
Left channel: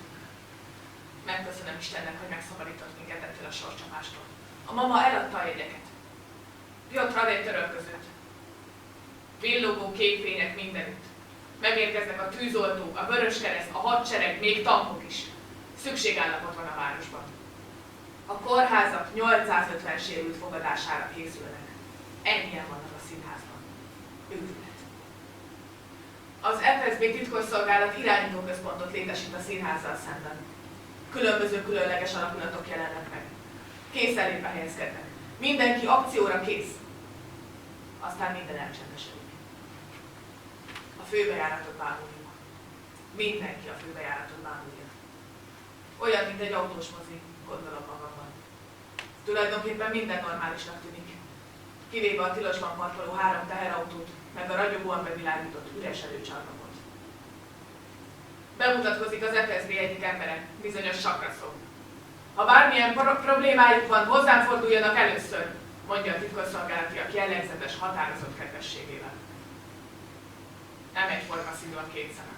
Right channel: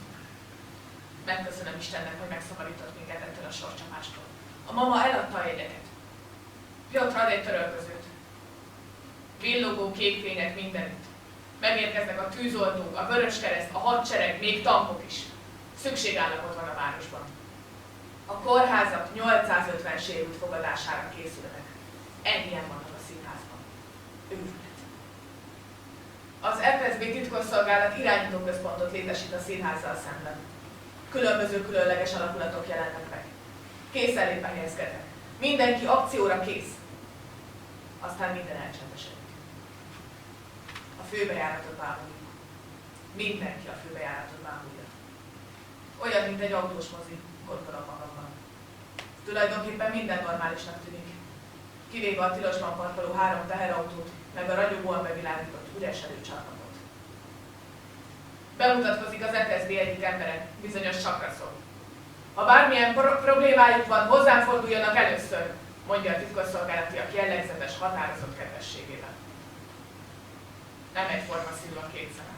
Megköszönöm Istennek, hogy megszabadított minket ettől a sorscsapástól. A mama eladta a jegyeket. Piotr ad egy törölközőt. Villogó kék fények mindenütt. Megérkeznek a tűzoltók, a Vöröskereszt, a hadsereg, még tankok is. Szükségállapot van a városban. A kórházak 850 sérült fogadására készülnek. Ennyien vannak a színházban. Őrület. Az FSB titkosszolgálat irányítóközpontot létesít a színházzal szemben. Különböző különleges alakulatok jelennek meg. Készenlétbe helyezkednek. Mindenki akcióra kész. Aztán minden elcsendesedik. A főbejáratot bámuljuk. Mindenki a főbejáratot bámulja. Olyan, mint egy autós mozi, gondolom magamban. Tulajdonképpen minden normálisnak tűnik. Kivéve a tilosban parkoló 3 teherautót, meg a ragyogóan bevilágított üres előcsarnokot. Bemutatkozik az FSB egyik embere, bizonyos Sakraszov. Ha bármilyen problémájuk van, hozzám forduljanak először, mondja a titkosszolgálatiak jellegzetes, határozott kedvességével. Nem egyforma színű a 2 szeme.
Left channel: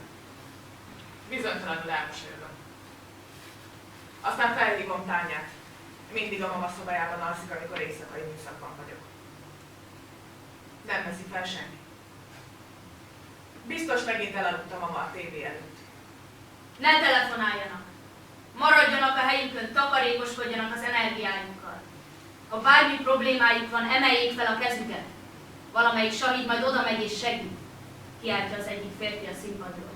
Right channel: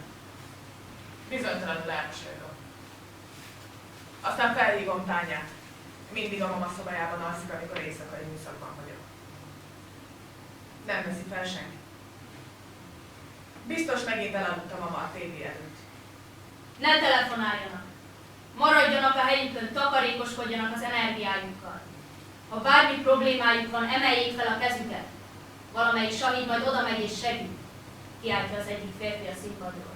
Bizonytalanul elmosolyodom. Aztán felhívom Tányát. Mindig a mama szobájában alszik, amikor éjszakai műszakban vagyok. Nem veszi fel senki. Biztos megint elaludt a mama a tévé előtt. Ne telefonáljanak! Maradjanak a helyükön, takarékoskodjanak az energiájukkal. Ha bármi problémájuk van, emeljék fel a kezüket. Valamelyik sahid majd oda megy és segít, kiáltja az egyik férfi a színpadról.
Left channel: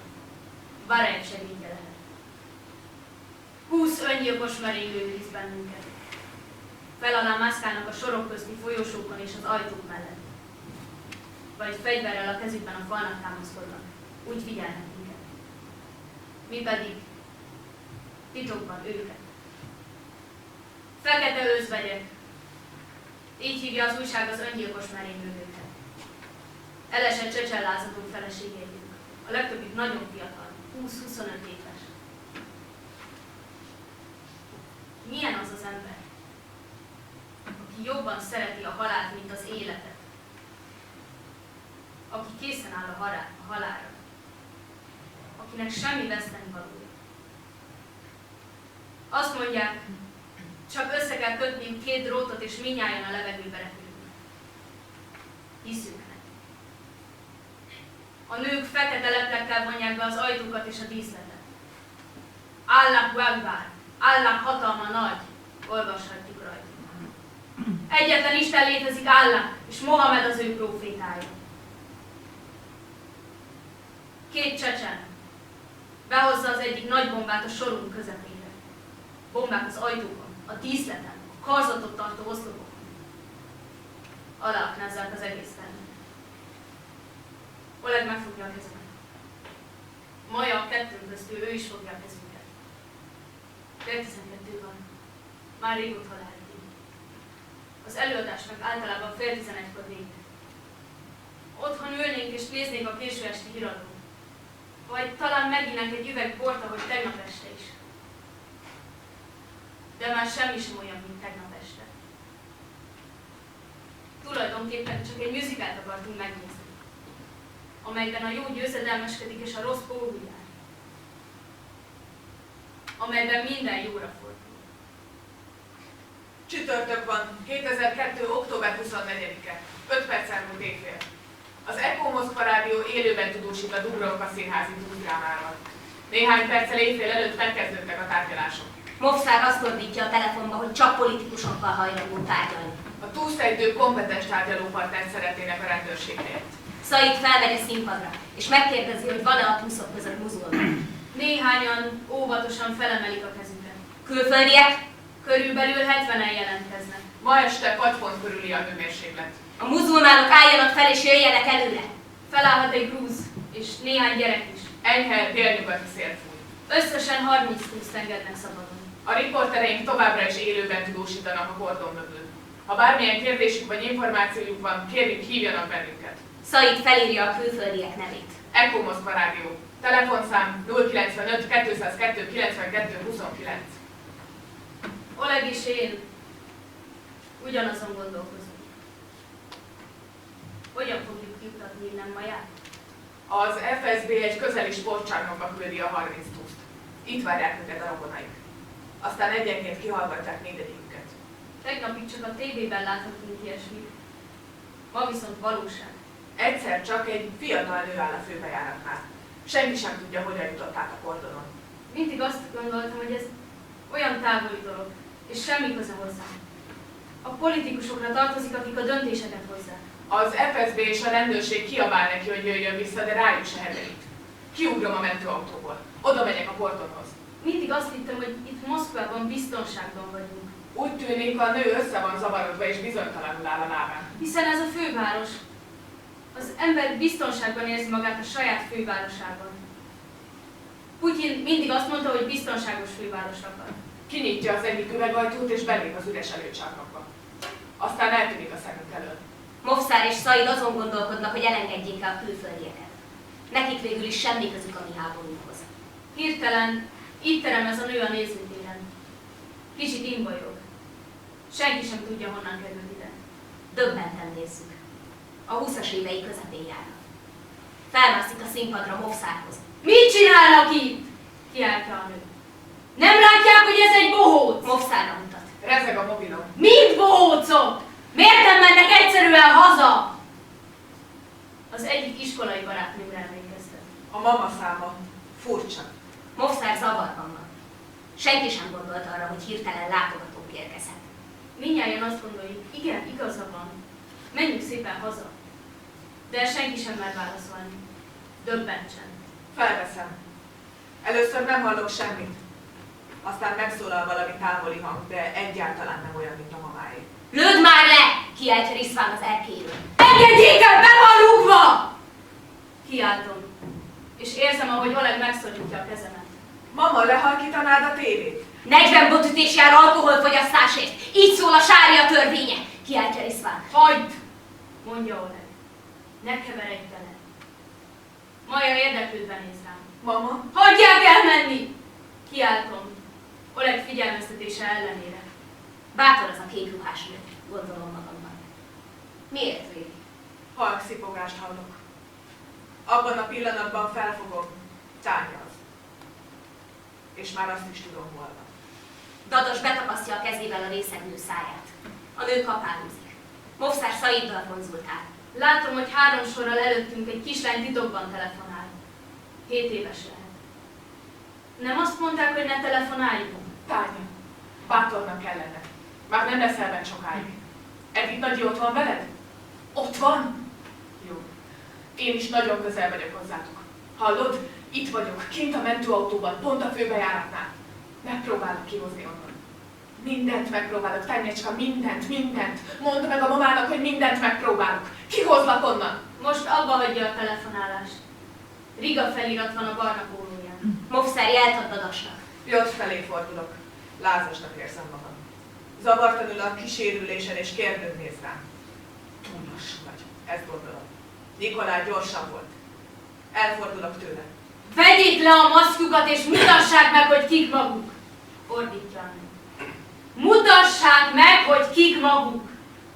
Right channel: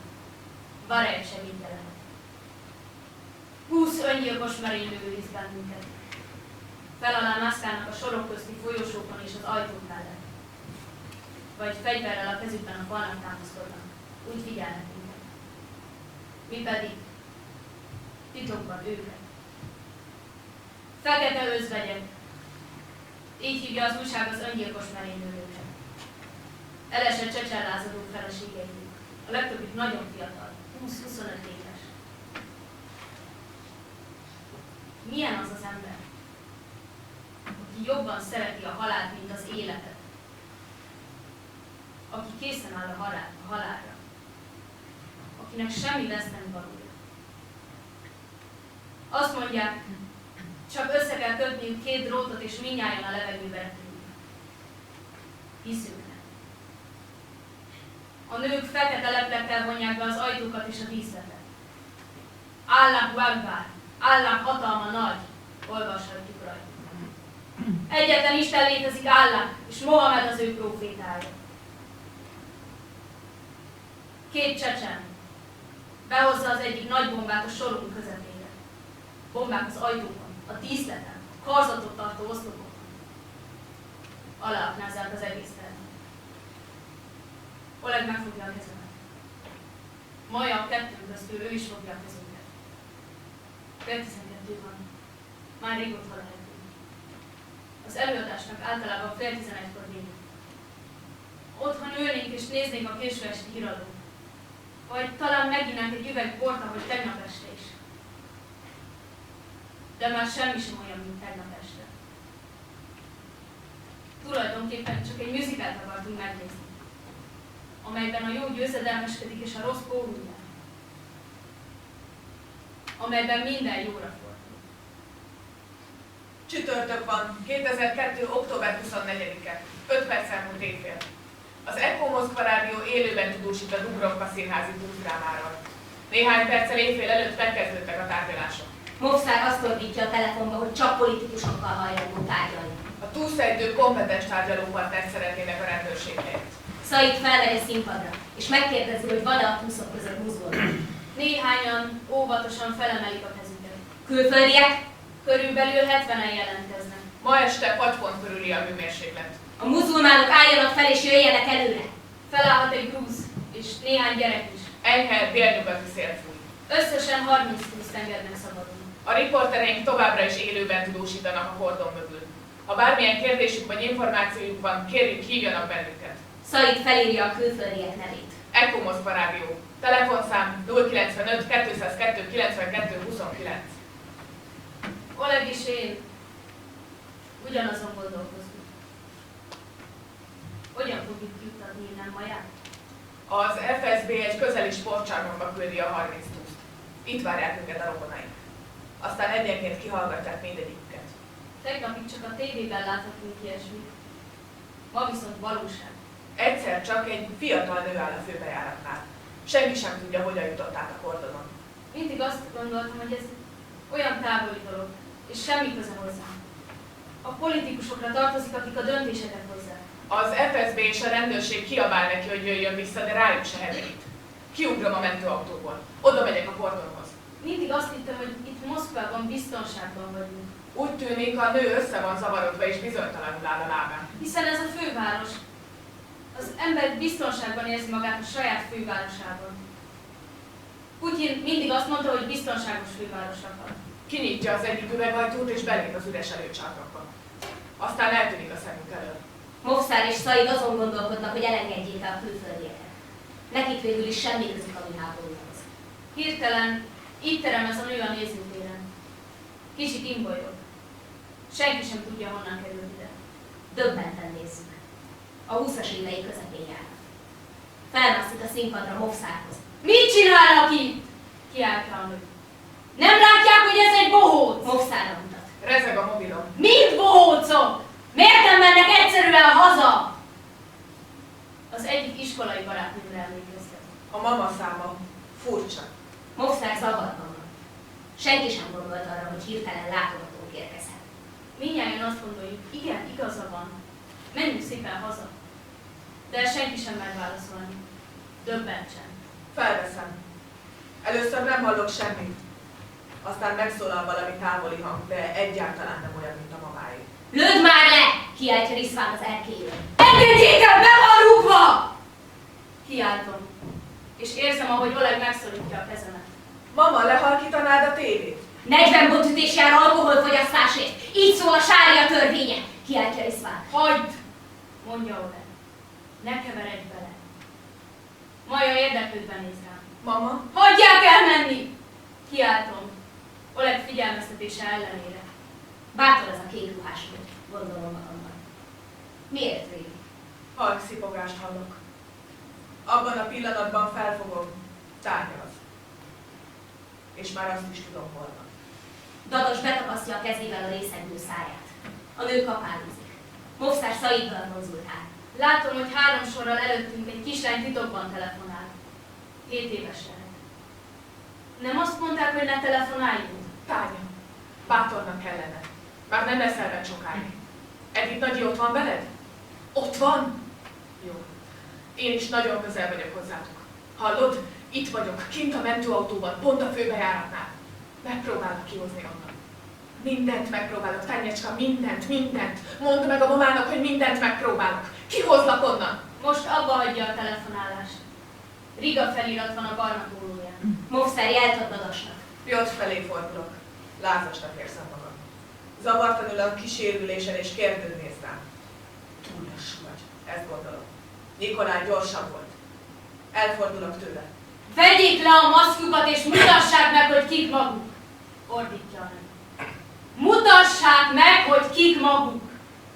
Barajev segítje lehet. 20 öngyilkos merénylő őriz bennünket. Fel alá mászkálnak a sorok közti folyosókon és az ajtók mellett. Vagy fegyverrel a kezükben a falnak támaszkodnak. Úgy figyelnek minket. Mi pedig titokban őket. Fekete özvegyek. Így hívja az újság az öngyilkos merénylőket. Elesett csecsenlázadó feleségeidünk. A legtöbbük nagyon fiatal, 20-25 éves. Milyen az az ember, aki jobban szereti a halált, mint az életet? Aki készen áll a halálra. Akinek semmi vesztenivalója. Azt mondják, csak össze kell kötniük 2 drótot, és mindnyájan a levegőbe repülünk. Hiszünk neki. A nők fekete leplekkel vonják be az ajtókat és a díszletet. Allahu Akbar, Allah hatalma nagy, olvashatjuk rajta. Egyetlen Isten létezik, Allah, és Mohamed az ő prófétája. 2 csecsen behozza az egyik nagy bombát a sorunk közepére. Bombák az ajtókon, a díszleten, a karzatot tartó oszlopokon. Aláaknázzák az egész termet. Oleg megfogja a kezemet. Maja a kettőnk köztül, ő is fogja a kezünket. Fél 12 van. Már rég otthon lehetünk. Az előadásnak általában fél 11-kor vége. Otthon ülnénk és néznénk a késő esti híradót. Vagy talán meginnánk egy üveg bort, ahogy tegnap este is. De már semmi sem olyan, mint tegnap este. Tulajdonképpen csak egy musicalt akartunk megnézni, amelyben a jó győzedelmeskedik és a rossz pórul jár. Amelyben minden jóra fordul. Csütörtök van, 2002. október 24-e, 5 perc elmúlt éjfél. Az Echo Moszkva Rádió élőben tudósít a Dubrovka színházi túldrámáról. Néhány perccel éjfél előtt megkezdődtek a tárgyalások. Movszár azt ordítja a telefonba, hogy csak politikusokkal hajlandó tárgyalni. A túlszejtő kompetens tárgyalópartnert szeretnének a rendőrség helyett. Szaid felmegy a színpadra, és megkérdezi, hogy van-e a túszok között muzulmán. Néhányan óvatosan felemelik a kezüket. Külföldiek? Körülbelül 70-en jelentkeznek. Ma este 6 pont körüli a hőmérséklet. A muzulmánok álljanak fel és jöjjenek előre. Felállhat egy grúz, és néhány gyerek is. Enyhe délnyugati szél fúj. Összesen 30 túszt engednek szabadon. A riportereink továbbra is élőben tudósítanak a kordon mögül. Ha bármilyen kérdésük vagy információjuk van, kérjük, hívjanak bennünket. Szaid felírja a külföldiek nevét. Echo Moszkva Rádió. Telefonszám 095 202 92 29. Oleg és én ugyanazon gondolkozunk. Hogyan fogjuk juttatni innen Maját? Az FSB egy közeli sportcsarnokba küldi a 30 túszt. Itt várják őket a rokonaik. Aztán egyenként kihallgatják mindegyiküket. Tegnapig csak a tévében láthattunk ilyesmit. Ma viszont valóság. Egyszer csak egy fiatal nő áll a főbejáratnál. Senki sem tudja, hogyan jutott át a kordonon. Mindig azt gondoltam, hogy ez olyan távoli dolog, és semmi köze hozzá. A politikusokra tartozik, akik a döntéseket hozzák. Az FSB és a rendőrség kiabál neki, hogy jöjjön vissza, de rájuk se heverít. Kiugrom a mentőautóból. Oda megyek a portonhoz. Mindig azt hittem, hogy itt Moszkvában biztonságban vagyunk. Úgy tűnik, a nő össze van zavarodva és bizonytalanul áll a lábán. Hiszen ez a főváros. Az ember biztonságban érzi magát a saját fővárosában. Putyin mindig azt mondta, hogy biztonságos fővárost akar. Kinyitja az egyik üvegajtót és belép az üres előcsarnokba. Aztán eltűnik a szemünk elől. Movszár és Szaid azon gondolkodnak, hogy elengedjék el a külföldieket. Nekik végül is semmi közük a mi háborúnkhoz. Hirtelen itt terem ez a nő a nézőtéren. Kicsit imbajog. Senki sem tudja, honnan került ide. Döbbenten nézzük. A 20-as évei közepén járnak. Felmászik a színpadra Movszárhoz. Mit csinálnak itt? Kiállt rá a nő. Nem látják, hogy ez egy bohóc? Movszárra mutat. Rezeg a mobilom. Mind bohócok? Miért nem mennek egyszerűen haza? Az egyik iskolai barátnőmre emlékeztet. A mama száma furcsa. Movszár zavarban van. Senki sem gondolt arra, hogy hirtelen látogatónk érkezhet. Mindnyájan azt gondoljuk, igen, igaza van. Menjünk szépen haza. De senki sem mer válaszolni. Döbbentsen. Felveszem. Először nem hallok semmit. Aztán megszólal valami távoli hang, de egyáltalán nem olyan, mint a mamáé. Lőd már le! Kiáltja Riszván az erkélyről. Engedjék el, be van rúgva! Kiáltom. És érzem, ahogy Oleg megszorítja a kezemet. Mama, lehalkítanád a tévét? 40 botütés jár alkoholfogyasztásért. Így szól a sária törvénye. Kiáltja Riszván. Hagyd! Mondja Oleg. Ne keveredj bele. Maja érdeklődve néz rám. Mama? Hagyják elmenni! Kiáltom. Oleg figyelmeztetése ellenére. Bátor az a kék ruhás nő, gondolom magamban. Miért végig? Halk szipogást hallok. Abban a pillanatban felfogom, tárgyalsz. És már azt is tudom, hol van. Dadas betapasztja a kezével a részegnő száját. A nő kapálózik. Movszár Szaiddal konzultál. Látom, hogy 3 sorral előttünk egy kislány titokban telefonál. 7 éves lehet. Nem azt mondták, hogy ne telefonáljunk? Tánya, bátornak kellene. Már nem leszel bent sokáig. Edith Nagyi ott van veled? Ott van? Jó. Én is nagyon közel vagyok hozzátok. Hallod? Itt vagyok, kint a mentőautóban, pont a főbejáratnál. Megpróbálok kihozni onnan. Mindent megpróbálok, Tányecska, mindent. Mondd meg a mamának, hogy mindent megpróbálok. Kihozlak onnan. Most abba hagyja a telefonálást. Riga felirat van a barna pólóján. Mofszer jelt Dadasnak. Jött felé fordulok. Lázasnak érzem magam. Zavartanul a kísérülésen és kérdőn néz rám. Túl lassú vagy, ezt gondolom. Nikolaj gyorsabb volt. Elfordulok tőle. Vegyék le a maszkjukat és mutassák meg, hogy kik maguk! Ordítja a nő. Mutassák meg, hogy kik maguk!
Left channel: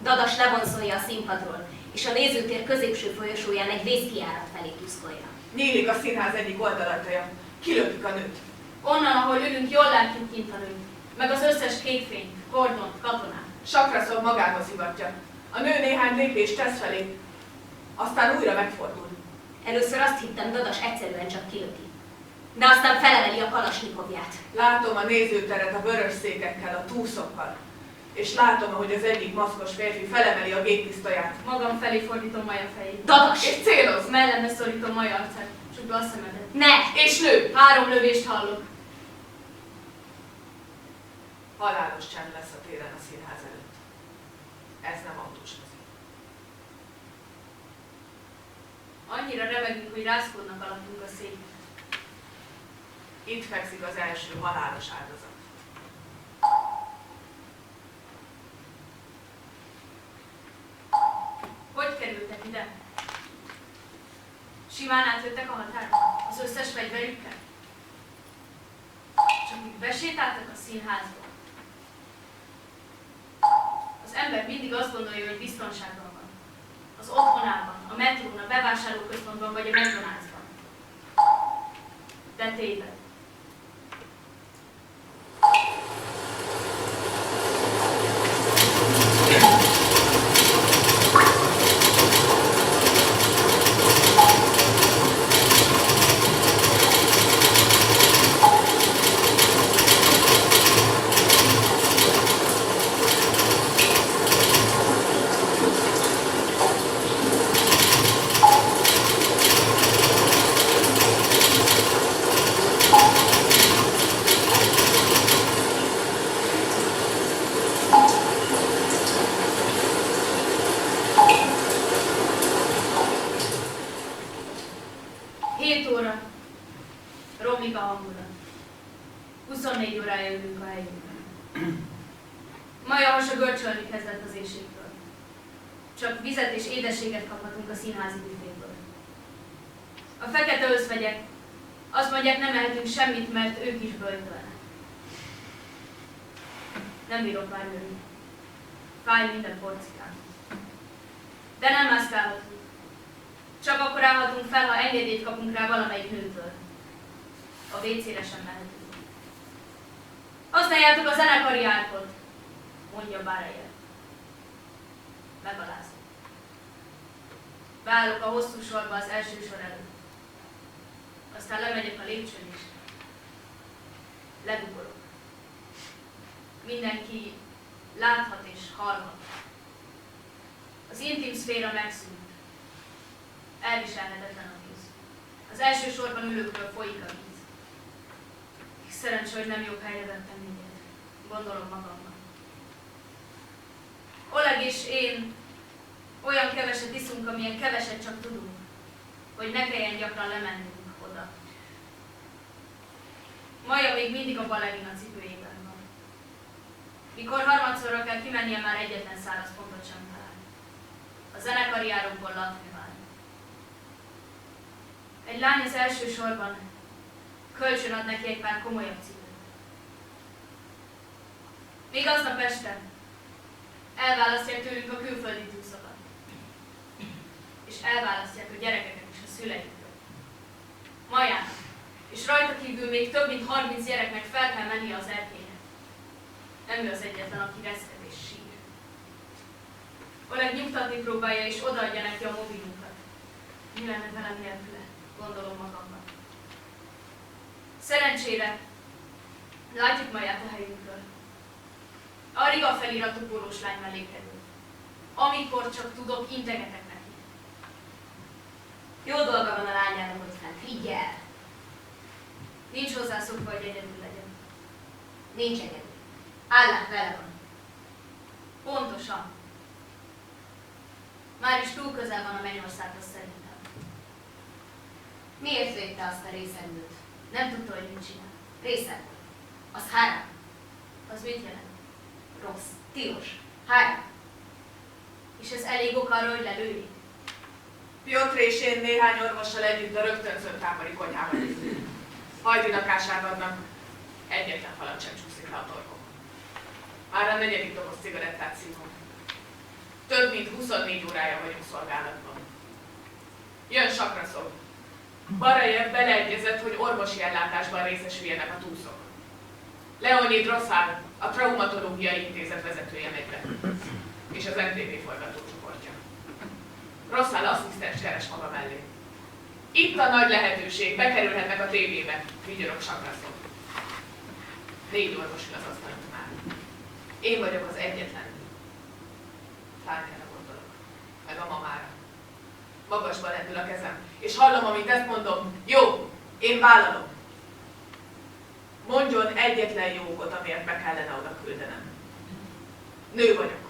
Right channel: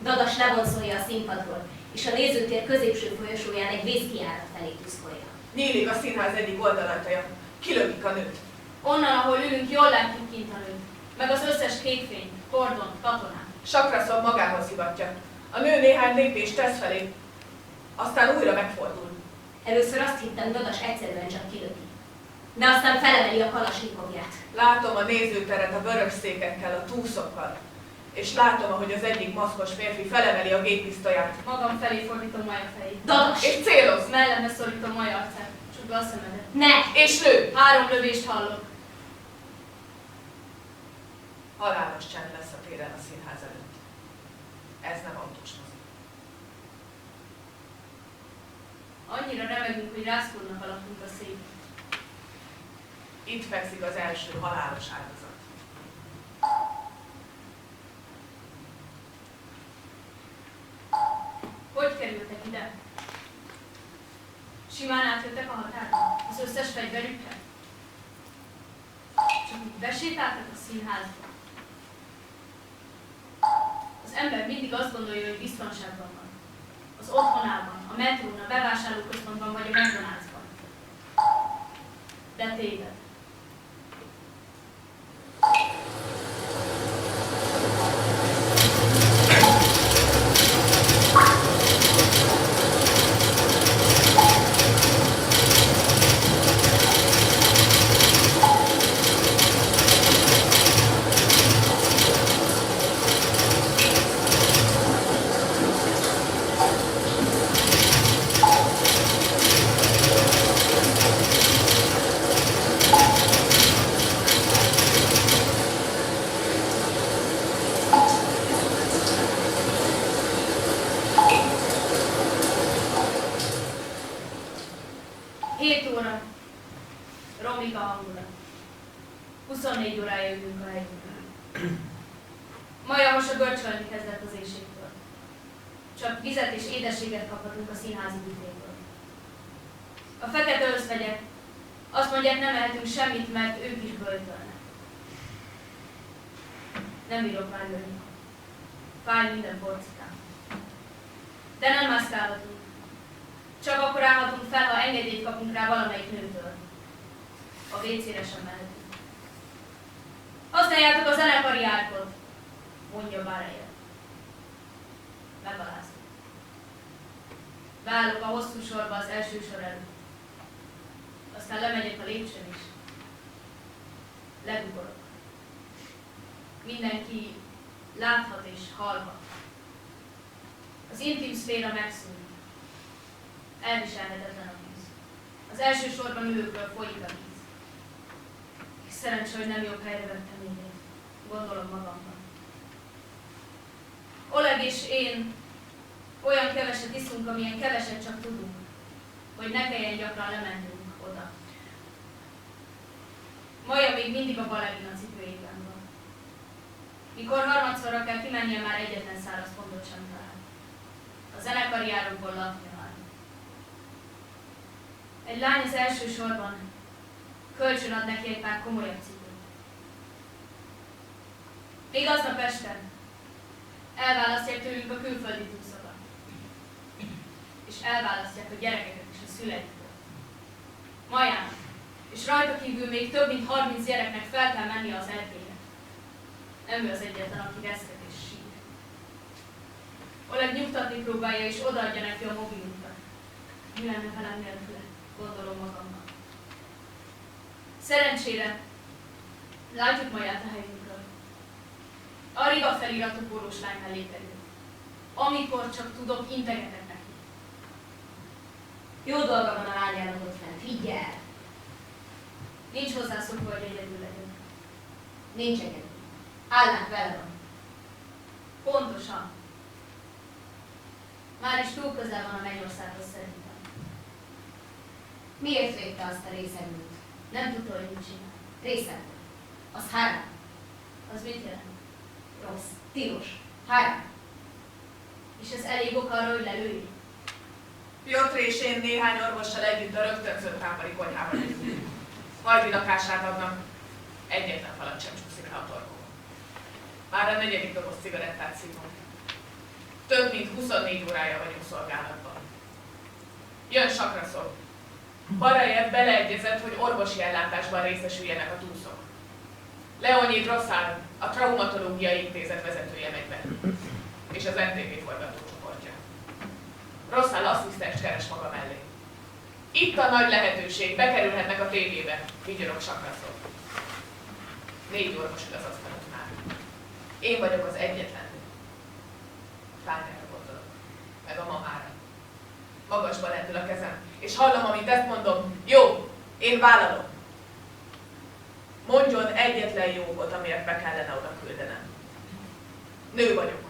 Dadas levonszolja a színpadról, és a nézőtér középső folyosóján egy vészkijárat felé tuszkolja. Nyílik a színház egyik oldalajtaja. Kilökik a nőt. Onnan, ahol ülünk, jól látjuk kint a nőt. Meg az összes képfényt, kordont, katonát. Sakraszov magához hivatja. A nő néhány lépést tesz felé, aztán újra megfordul. Először azt hittem, Dadas egyszerűen csak kilöki. De aztán felemeli a kalasnyikovját. Látom a nézőteret a vörös székekkel, a túszokkal. És látom, ahogy az egyik maszkos férfi felemeli a géppisztolyát. Magam felé fordítom Maja fejét. Dadas! És céloz! Mellemre szorítom Maja arcát. Csukva a szemedet. Ne! És lő! 3 lövést hallok. Halálos csend lesz a téren a színház előtt. Ez nem autós mozi. Annyira remegünk, hogy rázkódnak alattunk a széken. Itt fekszik az első halálos áldozat. Hogy kerültek ide? Simán átjöttek a határon? Az összes fegyverükkel? Csak úgy besétáltak a színházba? Az ember mindig azt gondolja, hogy biztonságban van. Az otthonában, a metrón, a bevásárlóközpontban vagy a McDonald'sban. De téved. Romlik a hangulat. 24 órája ülünk a helyünkön. Maja hasa görcsölni kezdett az éjségtől. Csak vizet és édességet kaphatunk a színházi büféből. A fekete özvegyek azt mondják, nem ehetünk semmit, mert ők is böjtölnek. Nem bírok már ülni. Fáj minden porcikám. De nem mászkálhatunk. Csak akkor állhatunk fel, ha engedélyt kapunk rá valamelyik nőtől. A WC-re sem mehetünk. Használjátok a zenekari árkot, mondja Báreje. Megalázom. Beállok a hosszú sorba az első sor előtt. Aztán lemegyek a lépcsőn is. Legugorok. Mindenki láthat és hallhat. Az intim szféra megszűnik. Elviselhetetlen a víz. Az első sorban ülőkről folyik a víz. Szerencsé, hogy nem jobb helyre vettem egyet. Gondolom magamban. Oleg és én olyan keveset iszunk, amilyen keveset csak tudunk, hogy ne kelljen gyakran lemennünk oda. Maja még mindig a balerina cipőjében van. Mikor harmadszorra kell kimennie, már egyetlen száraz pontot sem talál. A zenekari árokból latni vár. Egy lány az első sorban kölcsön ad neki egy pár komolyabb cipőt. Még aznap este elválasztják tőlünk a külföldi túszokat. És elválasztják a gyerekeket is a szüleiktől. Majának, és rajta kívül még több mint 30 gyereknek fel kell mennie az erkélyre. Nem ő az egyetlen, aki reszket és sír. Oleg nyugtatni próbálja, és odaadja neki a mobilunkat. Mi lenne velem nélküle, gondolom magamban. Szerencsére látjuk Maját a helyünkről. A Riga feliratú pólós lány mellé kerül. Amikor csak tudok, integetek neki. Jó dolga van a lányának ott fent, higgyel! Nincs hozzászokva, hogy egyedül legyen. Nincs egyedül. Állnak vele van. Pontosan. Már is túl közel van a mennyországhoz szerintem. Miért védte azt a részegnőt? Nem tudta, hogy mit csinál. Részeg volt. Az haram. Az mit jelent? Rossz. Tilos. Haram. És ez elég ok arra, hogy lelőjék? Piotr és én néhány orvossal együtt a rögtönzött tábori konyhában ülünk. Hajtinakását adnak, egyetlen falat sem csúszik le a torkomon. Már a 4. doboz cigarettát szívom. Több mint 24 órája vagyunk szolgálatban. Jön Sakraszov. Barajev beleegyezett, hogy orvosi ellátásban részesüljenek a túszok. Leonid Rosszál, a Traumatológiai Intézet vezetője megy be, és az MTV forgatócsoportja. Rosszál asszisztens keres maga mellé. Itt a nagy lehetőség, bekerülhetnek a tévébe, vigyorog Sakraszov. 4 orvos ül az asztaloknál. Én vagyok az egyetlen. Tányára gondolok, meg a mamára. Magasba lendül a kezem, és hallom, amit ezt mondom. Jó, én vállalom. Mondjon egyetlen jó okot, amiért be kellene oda küldenem. Nő vagyok.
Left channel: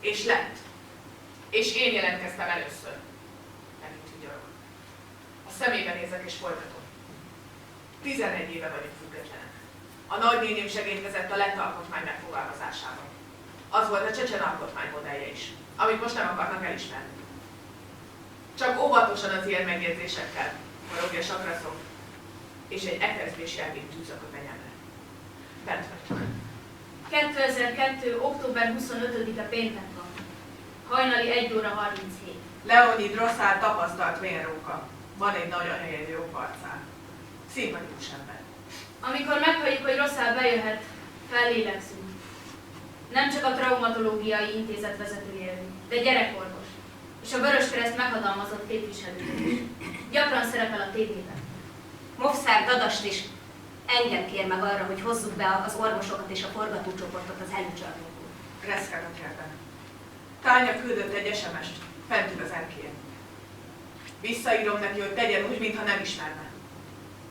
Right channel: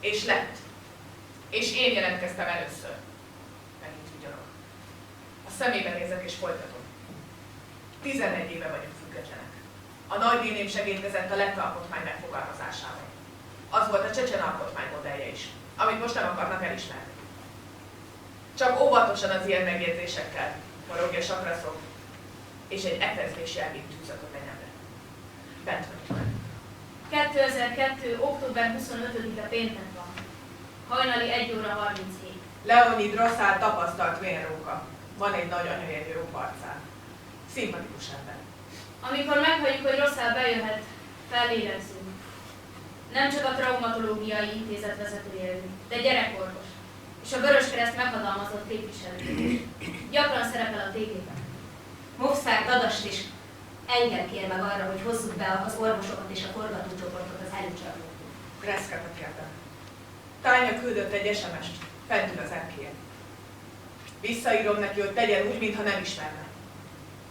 És lett. És én jelentkeztem először. Megint vigyorog. A szemébe nézek és folytatom. 11 éve vagyunk függetlenek. A nagynéném segítkezett a lett alkotmány megfogalmazásában. Az volt a csecsen alkotmány modellje is, amit most nem akarnak elismerni. Csak óvatosan az ilyen megjegyzésekkel, forogja Sakraszov, és egy etezés jelvét tűzök a fenyemre. Bent vagyok. 2002. október 25-e péntek van. Hajnali 1 óra 37. Leonid Rosszál tapasztalt vérróka. Van egy nagyon helyes jobb arcán. Szimpatikus ember. Amikor meghalljuk, hogy Rosszál bejöhet, fellélegzünk. Nem csak a Traumatológiai Intézet vezetője ő, de gyerekorvos. És a Vöröskereszt meghatalmazott képviselője. Gyakran szerepel a tévében. Movszár Dadast is engem kér meg arra, hogy hozzuk be az orvosokat és a forgatócsoportot az előcsarnokból. Reszket kérdem. Tánya küldött egy SMS-t, fent ül az erkélyen. Visszaírom neki, hogy tegyen úgy, mintha nem ismerne.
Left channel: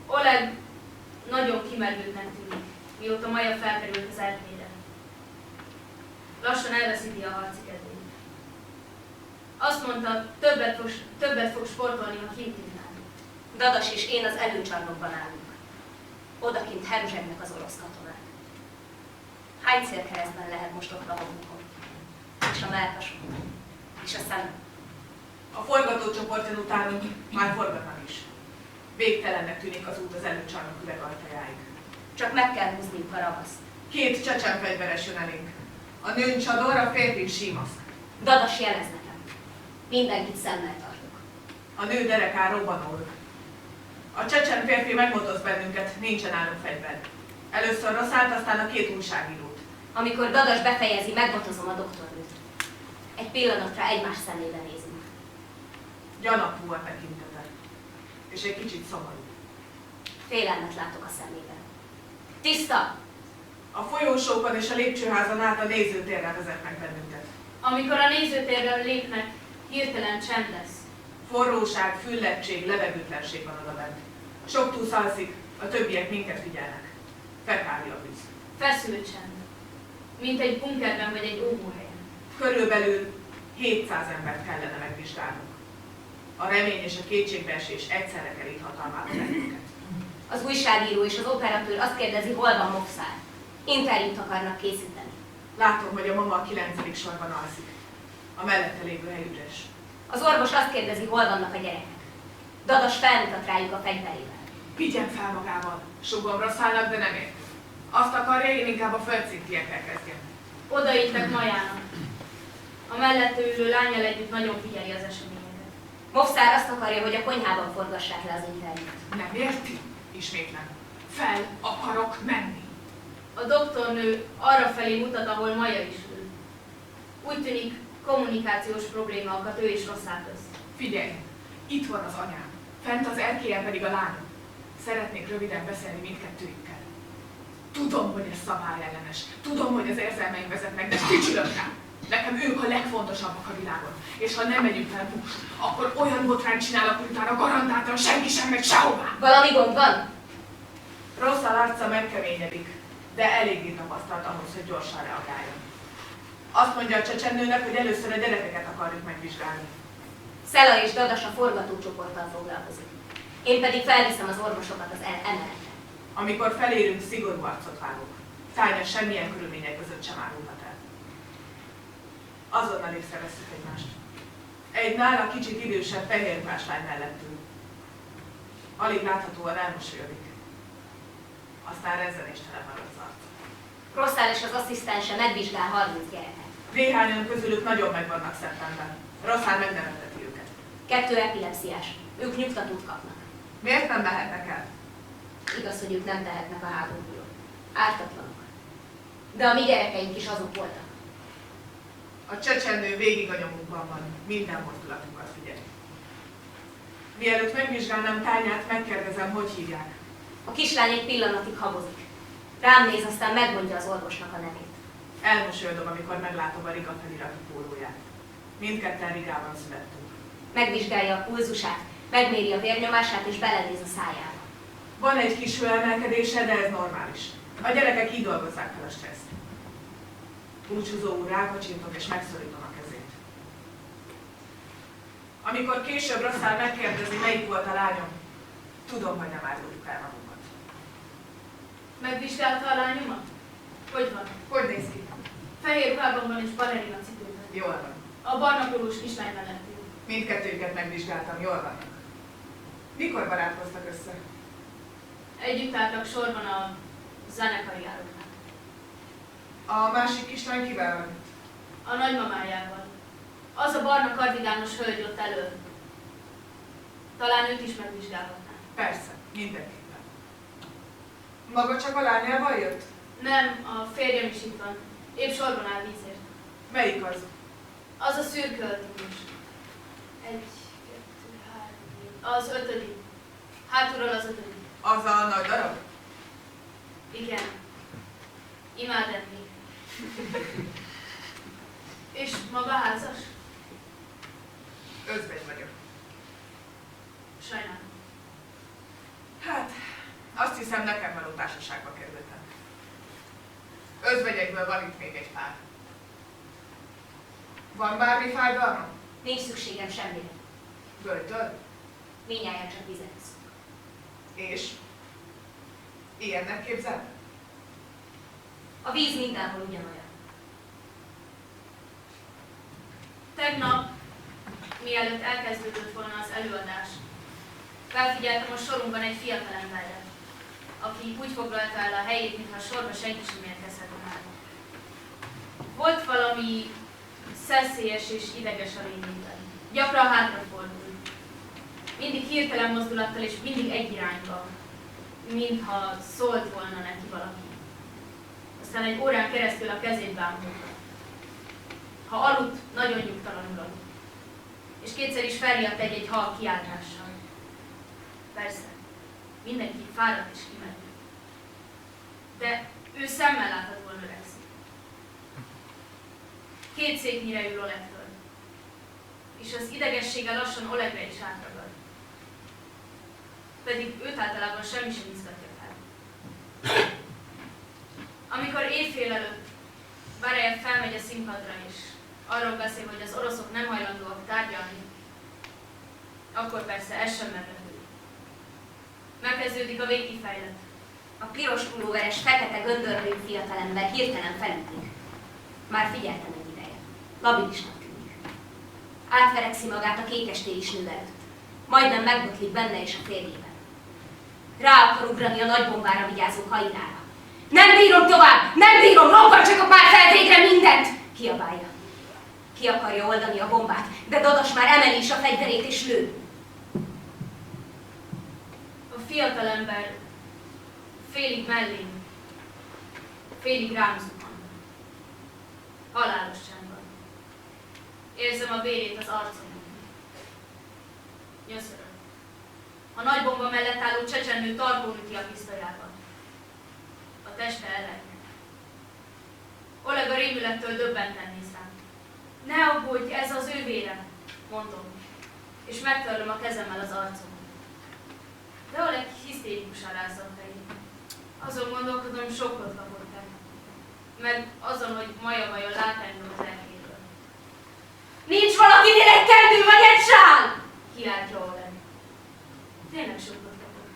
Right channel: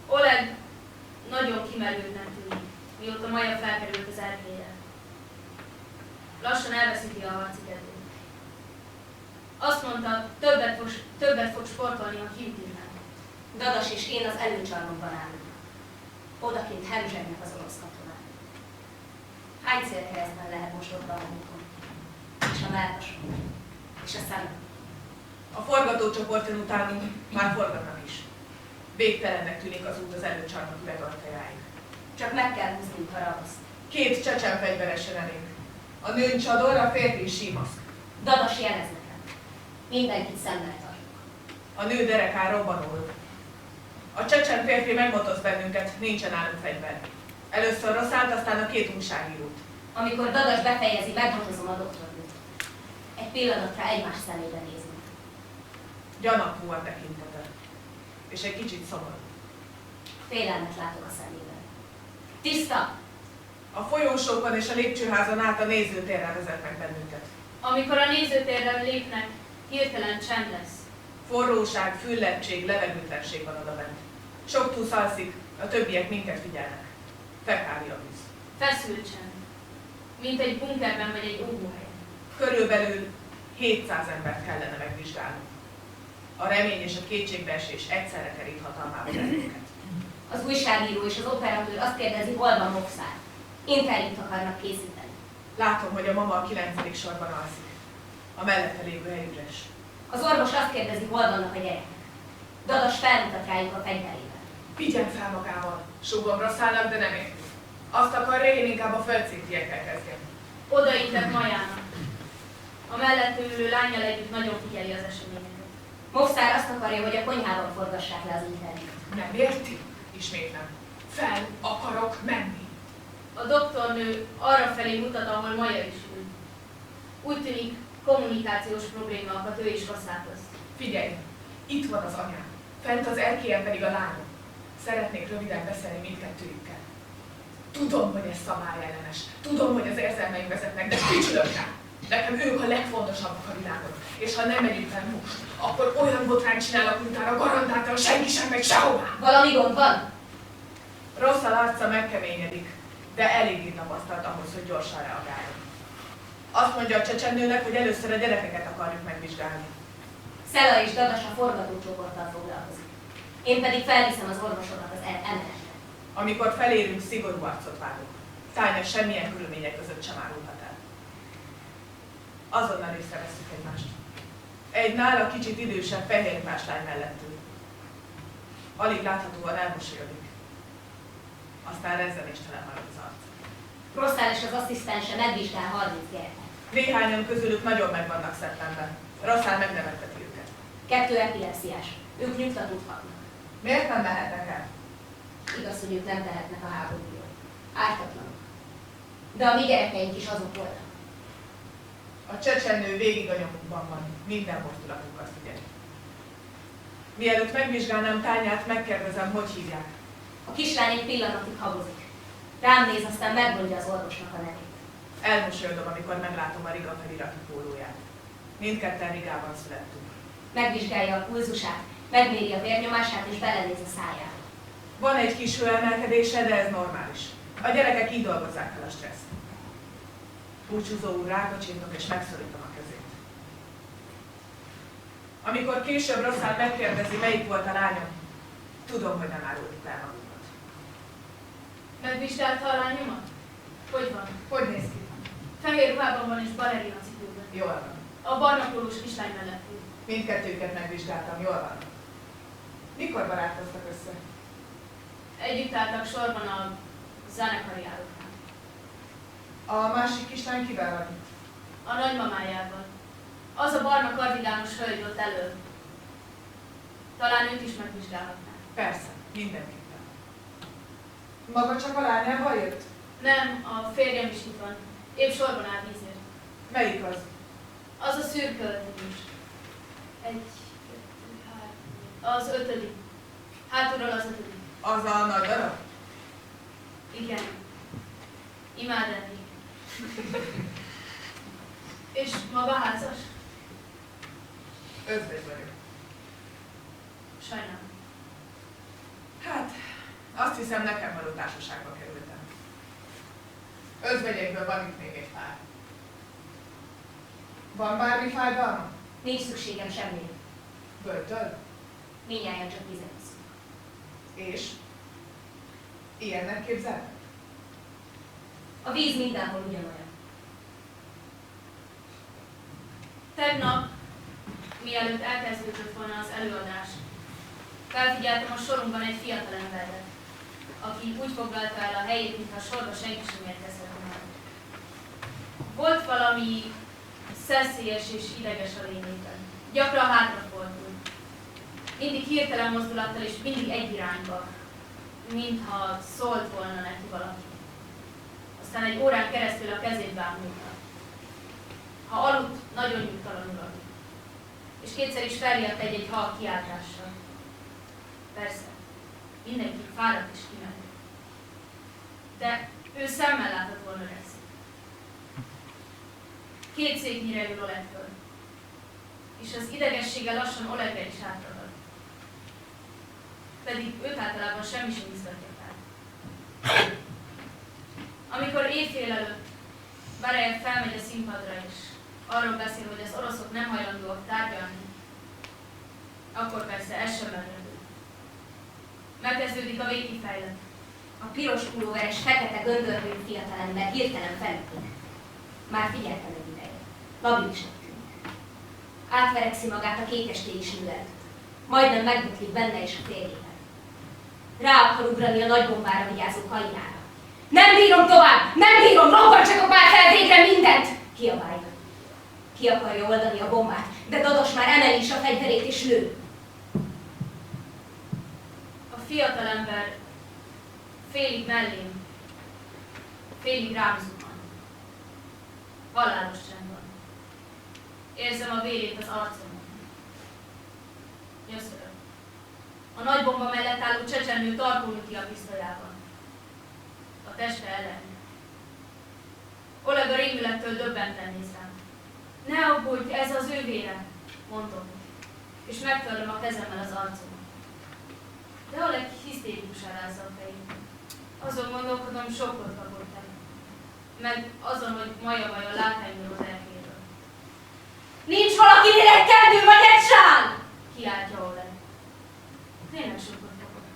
Oleg nagyon kimerültnek tűnik, mióta Maja felkerült az erkélyre. Lassan elveszíti a harci kedvét. Azt mondta, többet fog sportolni, ha kiütívnánk. Dadas és én az előcsarnokban állunk. Odakint hemzsegnek az orosz katonák. Hány célkeresztben lehet most ott a homokon? És a mellkason? És a szemem? A forgatócsoporton utánunk már forgatnak is. Végtelennek tűnik az út az előcsarnok üvegajtajáig. Csak meg kell húzniuk a ravaszt. 2 csecsen fegyveres jön elénk. A nőn csador, a férfi símaszk. Dadas jelez nekem. Mindenkit szemmel tartok. A nő derekán robbanul. A csecsen férfi megmotoz bennünket, nincsen nálunk fegyver. Először Rosszált, aztán a 2 újságírót. Amikor Dadas befejezi, megbotozom a doktornőt. Egy pillanatra egymás szemébe nézünk. Gyanakvó a tekintete. És egy kicsit szomorú. Félelmet látok a szemében. Tiszta! A folyósókon és a lépcsőházon át a nézőtérre vezetnek bennünket. Amikor a nézőtérre lépnek, hirtelen csend lesz. Forróság, füllettség, levegőtlenség van odabent. Sok túsz alszik, a többiek minket figyelnek. Fekáli a víz. Feszült csend. Mint egy bunkerben vagy egy óvóhelyen. Körülbelül 700 embert kellene megvizsgálnunk. A remény és a kétségbeesés egyszerre kerít hatalmába bennünket. Az újságíró és az operatőr azt kérdezi, hol van Movszár. Interjút akarnak készíteni. Látom, hogy a mama a 9. sorban alszik. A mellette lévő hely üres. Az orvos azt kérdezi, hol vannak a gyerekek. Dadas felmutat rájuk a fegyverével. Vigyen fel magával. Sugom Rosszálnak, de nem érti. Azt akarja, én inkább a földszintiekkel kezdjem. Odaittek Majának. A mellette ülő lánnyal együtt nagyon figyeli az eseményeket. Movszár azt akarja, hogy a konyhában forgassák le az interjút. Nem érti? Ismétlem. Fel akarok menni. A doktornő arra felé mutat, ahol Maja is ül. Úgy tűnik, kommunikációs probléma akadt ő és Rosszál közt. Figyelj, itt van az anyám, fent az erkélyen pedig a lányom. Szeretnék röviden beszélni mindkettőjükkel. Tudom, hogy ez szabályellenes, tudom, hogy az érzelmeim vezetnek, de ficsülök rá. Nekem ők a legfontosabbak a világon. És ha nem megyünk fel most, akkor olyan botrány csinálok, hogy utána garantáltan senki sem megy sehová. Valami gond van? Rosszal arca megkeményedik, de eléggé tapasztalt ahhoz, hogy gyorsan reagáljon. Azt mondja a csecsemnőnek, hogy először a gyerekeket akarjuk megvizsgálni. Szela és Dadas a forgatócsoporttal foglalkozik. Én pedig felviszem az orvosokat az emeletre. Amikor felérünk, szigorú arcot vágok. Tánya semmilyen körülmények között sem árulhat el. Azonnal észrevesszük egymást. Egy nála kicsit idősebb fehérruhás lány mellettünk. Alig láthatóan elmosolyodik. Aztán rezzenéstelen marad az arc. Rosszál és az asszisztense megvizsgál 30 gyereket. Néhányan közülük nagyon meg vannak szeptemben. Rosszán megnevetteti őket. 2 epilepsziás. Ők nyugtatót kapnak. Miért nem mehetnek el? Igaz, hogy ők nem tehetnek a háborúról. Ártatlanok. De a mi gyerekeink is azok voltak. A csecsemnő végig a nyomukban van. Minden mozdulatunkat figyeli. Mielőtt megvizsgálnám Tányát, megkérdezem, hogy hívják. A kislány egy pillanatig habozik. Rám néz, aztán megmondja az orvosnak a nevét. Elmosolyodom, amikor meglátom a Riga feliratú pólóját. Mindketten Rigában születtünk. Megvizsgálja a pulzusát, megméri a vérnyomását és belenéz a szájába. Van egy kis hőemelkedése, de ez normális. A gyerekek így dolgozzák fel a stresszt. Búcsúzó úr, rákacsintok és megszorítom a kezét. Amikor később Rosszál megkérdezi, melyik volt a lányom, tudom, hogy nem áruljuk el magunkat. Megvizsgálta a lányomat? Hogy van? Hogy néz ki? Fehér ruhában van és balerina cipőben. Jól van. A barna pólós kislány mellett ül. Mindkettőket megvizsgáltam, jól vannak. Mikor barátkoztak össze? Együtt álltak sorban a zenekari járóknál. A másik kislány kivel van itt? A nagymamájával. Az a barna kardigános hölgy ott elő. Talán őt is megvizsgálhatná. Persze, mindenképpen. Maga csak a lányával jött? Nem, a férjem is itt van. Épp sorban áll vízért. Melyik az? Az a szürke öltönyös. 1, 2, 3, az 5. Hátulról az 5. Az a nagy darab? Igen. Imád enni. És maga házas? Özvegy vagyok. Sajnálom. Hát, azt hiszem, nekem való társaságba kerültem. Özvegyekből van itt még egy pár. Van bármi fájdalma? Nincs szükségem semmire. Böjtöl? Mindjárt csak vizet iszunk. És? Ilyennek képzel? A víz mindenhol ugyanolyan. Tegnap, mielőtt elkezdődött volna az előadás, felfigyeltem a sorunkban egy fiatalemberre, aki úgy foglalta el a helyét, mintha sorba senki sem érkezhetne már. Volt valami szeszélyes és ideges a lényében. Gyakran hátrafordul. Mindig hirtelen mozdulattal és mindig egy irányba, mintha szólt volna neki valaki. Aztán egy órán keresztül a kezét bámulta. Ha aludt, nagyon nyugtalanul aludt. És kétszer is felriadt egy halk kiáltással. Persze, mindenki fáradt és kimerült. De ő szemmel láthatóan öregszik. 2 széknyire ül Olegtől, és az idegessége lassan Olegre is átragad. Pedig őt általában semmi sem izgatja fel. Amikor éjfél előtt Barejev felmegy a színpadra, és arról beszél, hogy az oroszok nem hajlandóak tárgyalni, akkor persze ez sem meglepő. Megkezdődik a végkifejlet. A piros pulóveres, fekete göndörhőjű fiatalember hirtelen felütik. Már figyeltem egy ideje. Labilisnak tűnik. Átverekszi magát a kékestélyis nő előtt. Majdnem megbotlik benne és a férjében. Rá akar ugrani a nagybombára vigyázó Kainára. Nem bírom tovább! Nem bírom! Robbantsatok már fel végre mindent! Kiabálja. Ki akarja oldani a bombát, de Dadas már emeli is a fegyverét és lő. A fiatalember félig mellém, félig rám zuhan. Halálos csend van. Érzem a vérét az arcomon. Nyöszörög. A nagybomba mellett álló csecsemő tarkón üti a pisztolyával. A teste ellennek. Oleg a rémülettől döbbenten néz rám. Ne aggódj, ez az ő vére, mondom, és megtörlöm a kezemmel az arcomat. De Oleg hisztérikusan rázza a fejét. Azon gondolkodom, sokkot kapott el. meg azon, hogy Maja vajon lát engem az erkélyből. Nincs valakinél egy kendő vagy egy sál! Kiáltja Oleg. Tényleg sokat kapok.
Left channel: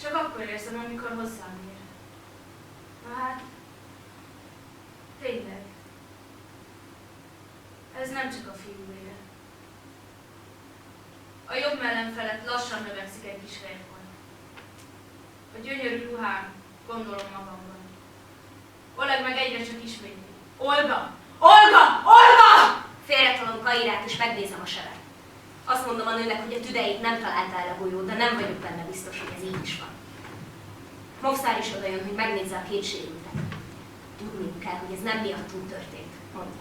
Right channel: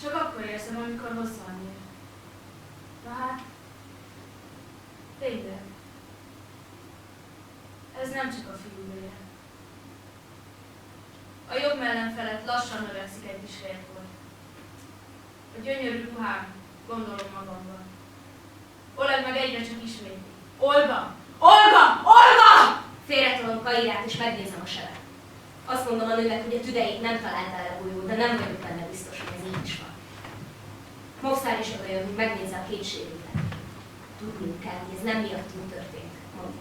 Csak akkor érzem, amikor hozzám ér. Na hát, tényleg. Ez nem csak a fiú vére. A jobb mellem felett lassan növekszik egy kis férfolt. A gyönyörű ruhám, gondolom magamban. Oleg meg egyre csak ismétli. Olga! Olga! Olga! Félretolom Kairát és megnézem a sebet. Azt mondom a nőnek, hogy a tüdejét nem találta el a golyó, de nem vagyok benne biztos, hogy ez így is van. Movszár is odajön, hogy megnézze a két sérültet. Tudniuk kell, hogy ez nem miattunk történt, mondja.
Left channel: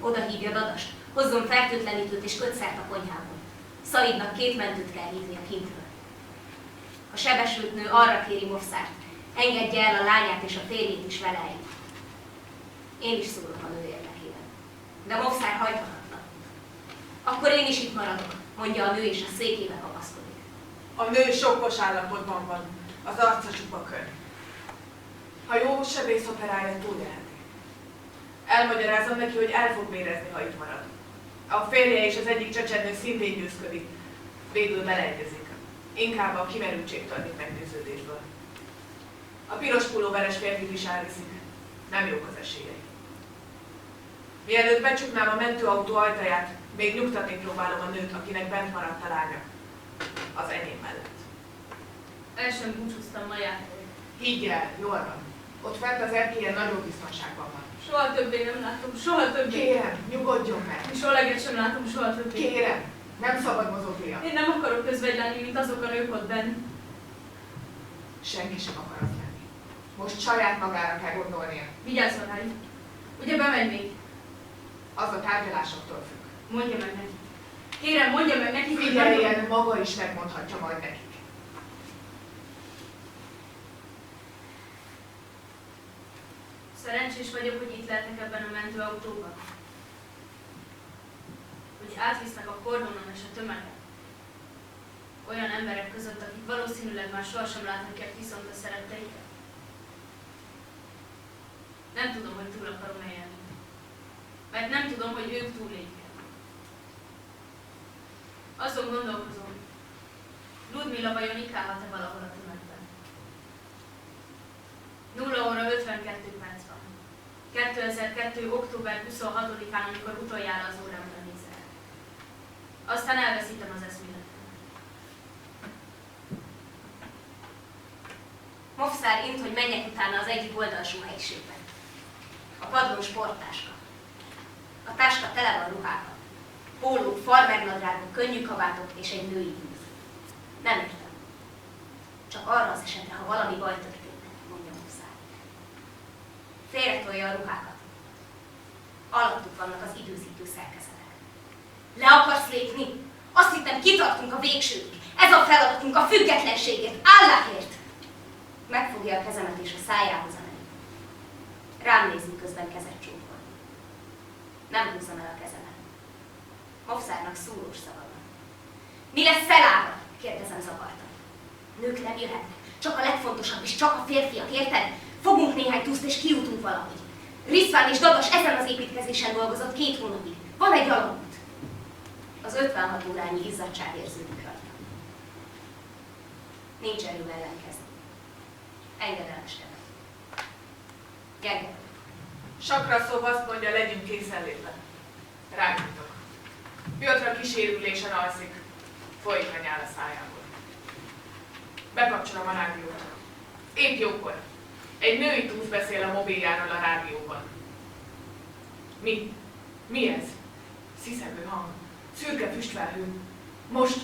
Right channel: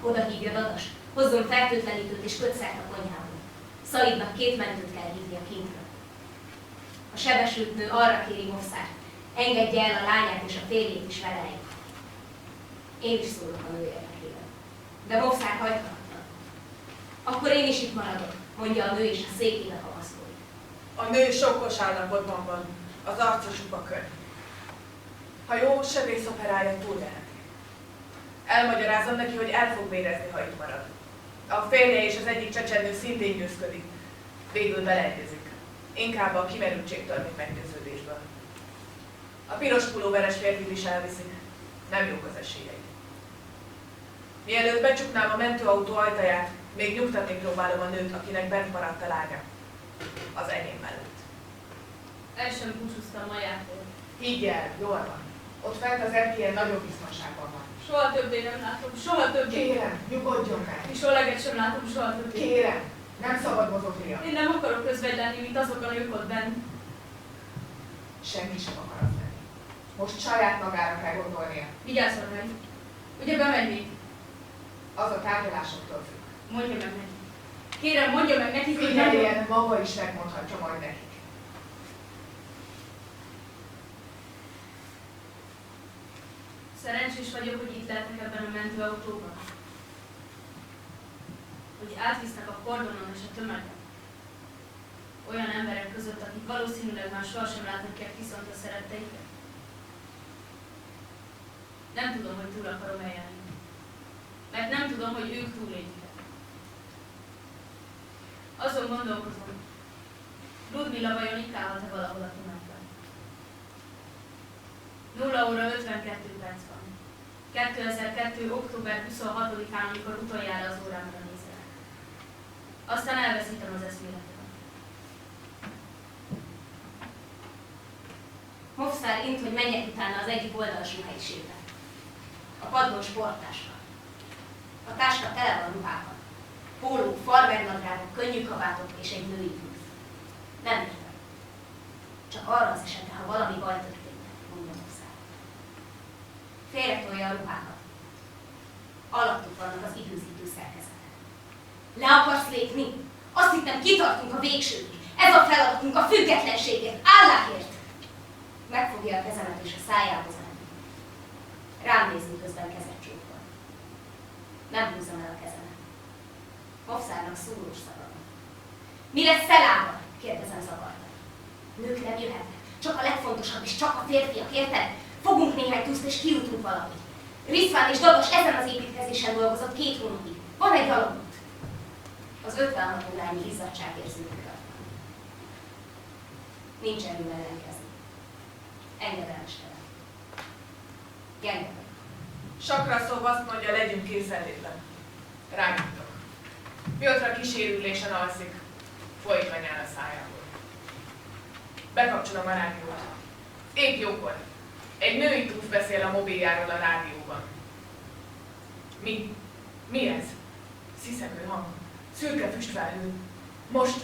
Oda hívja Dadast, hozzon fertőtlenítőt és kötszert a konyhából. Szaidnak 2 mentőt kell hívnia kintről. A sebesült nő arra kéri Movszárt, engedje el a lányát és a férjét is vele együtt. Én is szólok a nő érdekében. De Movszár hajthatatlan. Akkor én is itt maradok, mondja a nő és a székébe kapaszkodik. A nő sokkos állapotban van, az arca csupa kör. Ha jó sebész operálja, túlélheti. Elmagyarázom neki, hogy el fog vérezni, ha itt marad. A férje és az egyik csecsemő szintén győzködik. Végül beleegyezik. Inkább a kimerültségtől, mint meggyőződésből. A piros pulóveres férfit is elviszik. Nem jók az esélyei. Mielőtt becsuknám a mentőautó ajtaját, még nyugtatni próbálom a nőt, akinek bent maradt a lánya. Az enyém mellett. El sem búcsúztam Majától. Higgy el, jól van. Ott fent az erkélyen nagyobb biztonságban van. Soha többé nem látom, soha többé. Kérem, nyugodjon meg. És Oleget sem látom soha többé. Kérem, nem szabad mozognia. Én nem akarok közvegy lenni, mint azok a nők ott benn. Senki sem akar az lenni. Most saját magára kell gondolnia. Vigyázzon rá. Ugye bemegy még? Az a tárgyalásoktól függ. Mondja meg neki. Kérem, mondja meg neki, hogy Figyeljen, maga is megmondhatja majd nekik. Szerencsés vagyok, hogy itt lehetek ebben a mentőautóban. Hogy átvisznek a kordonon és a tömegen. Olyan emberek között, akik valószínűleg már sohasem láthatják viszont a szeretteiket. Nem tudom, hogy túl akarom élni. Mert nem tudom, hogy ők túlélik-e. Azon gondolkozom, Ludmilla vajon itt állhat-e valahol a tömegben? 0 óra 52 perc van. 2002. október 26-án, amikor utoljára az órámra nézek. Aztán elveszítem az eszméletemet. Movszár int, hogy menjek utána az egyik oldalsó helyiségbe. A padlón sporttáska. A táska tele van ruhával. Pólók, farmernadrágok, könnyű kabátok és egy női húz. Nem értem. Csak arra az esetre, ha valami baj történne, mondja Movszár. Félretolja a ruhákat. Alattuk vannak az időzítő szerkezetek. Le akarsz lépni? Azt hittem, kitartunk a végsőig. Ez a feladatunk a függetlenségért, Allahért. Megfogja a kezemet és a szájához a nevét. Rám néz, miközben kezet csókol. Nem húzom el a kezemet. Movszárnak szúrós szava van. Mi lesz Szelával? Kérdezem zavartan. Nők nem jöhetnek. Csak a legfontosabb és csak a férfiak, érted? Fogunk néhány tuszt és kijutunk valahogy. Riszván és Dadas ezen az építkezésen dolgozott 2 hónapig. Van egy alagút. Az 56 órányi izzadság érződik rajta. Nincs erőm ellenkezni. Engedelmeskedem. Gyenge vagyok. Sakra szóval azt mondja, legyünk készenlétben. Rágítok. Piotra kísérülésen alszik. Folyik a nyál a szájából. Bekapcsolom a rádiót. Épp jókor. Egy női túsz beszél a mobiljáról a rádióban. Mi? Mi ez? Sziszegő hang. Szürke füstfelhő. Most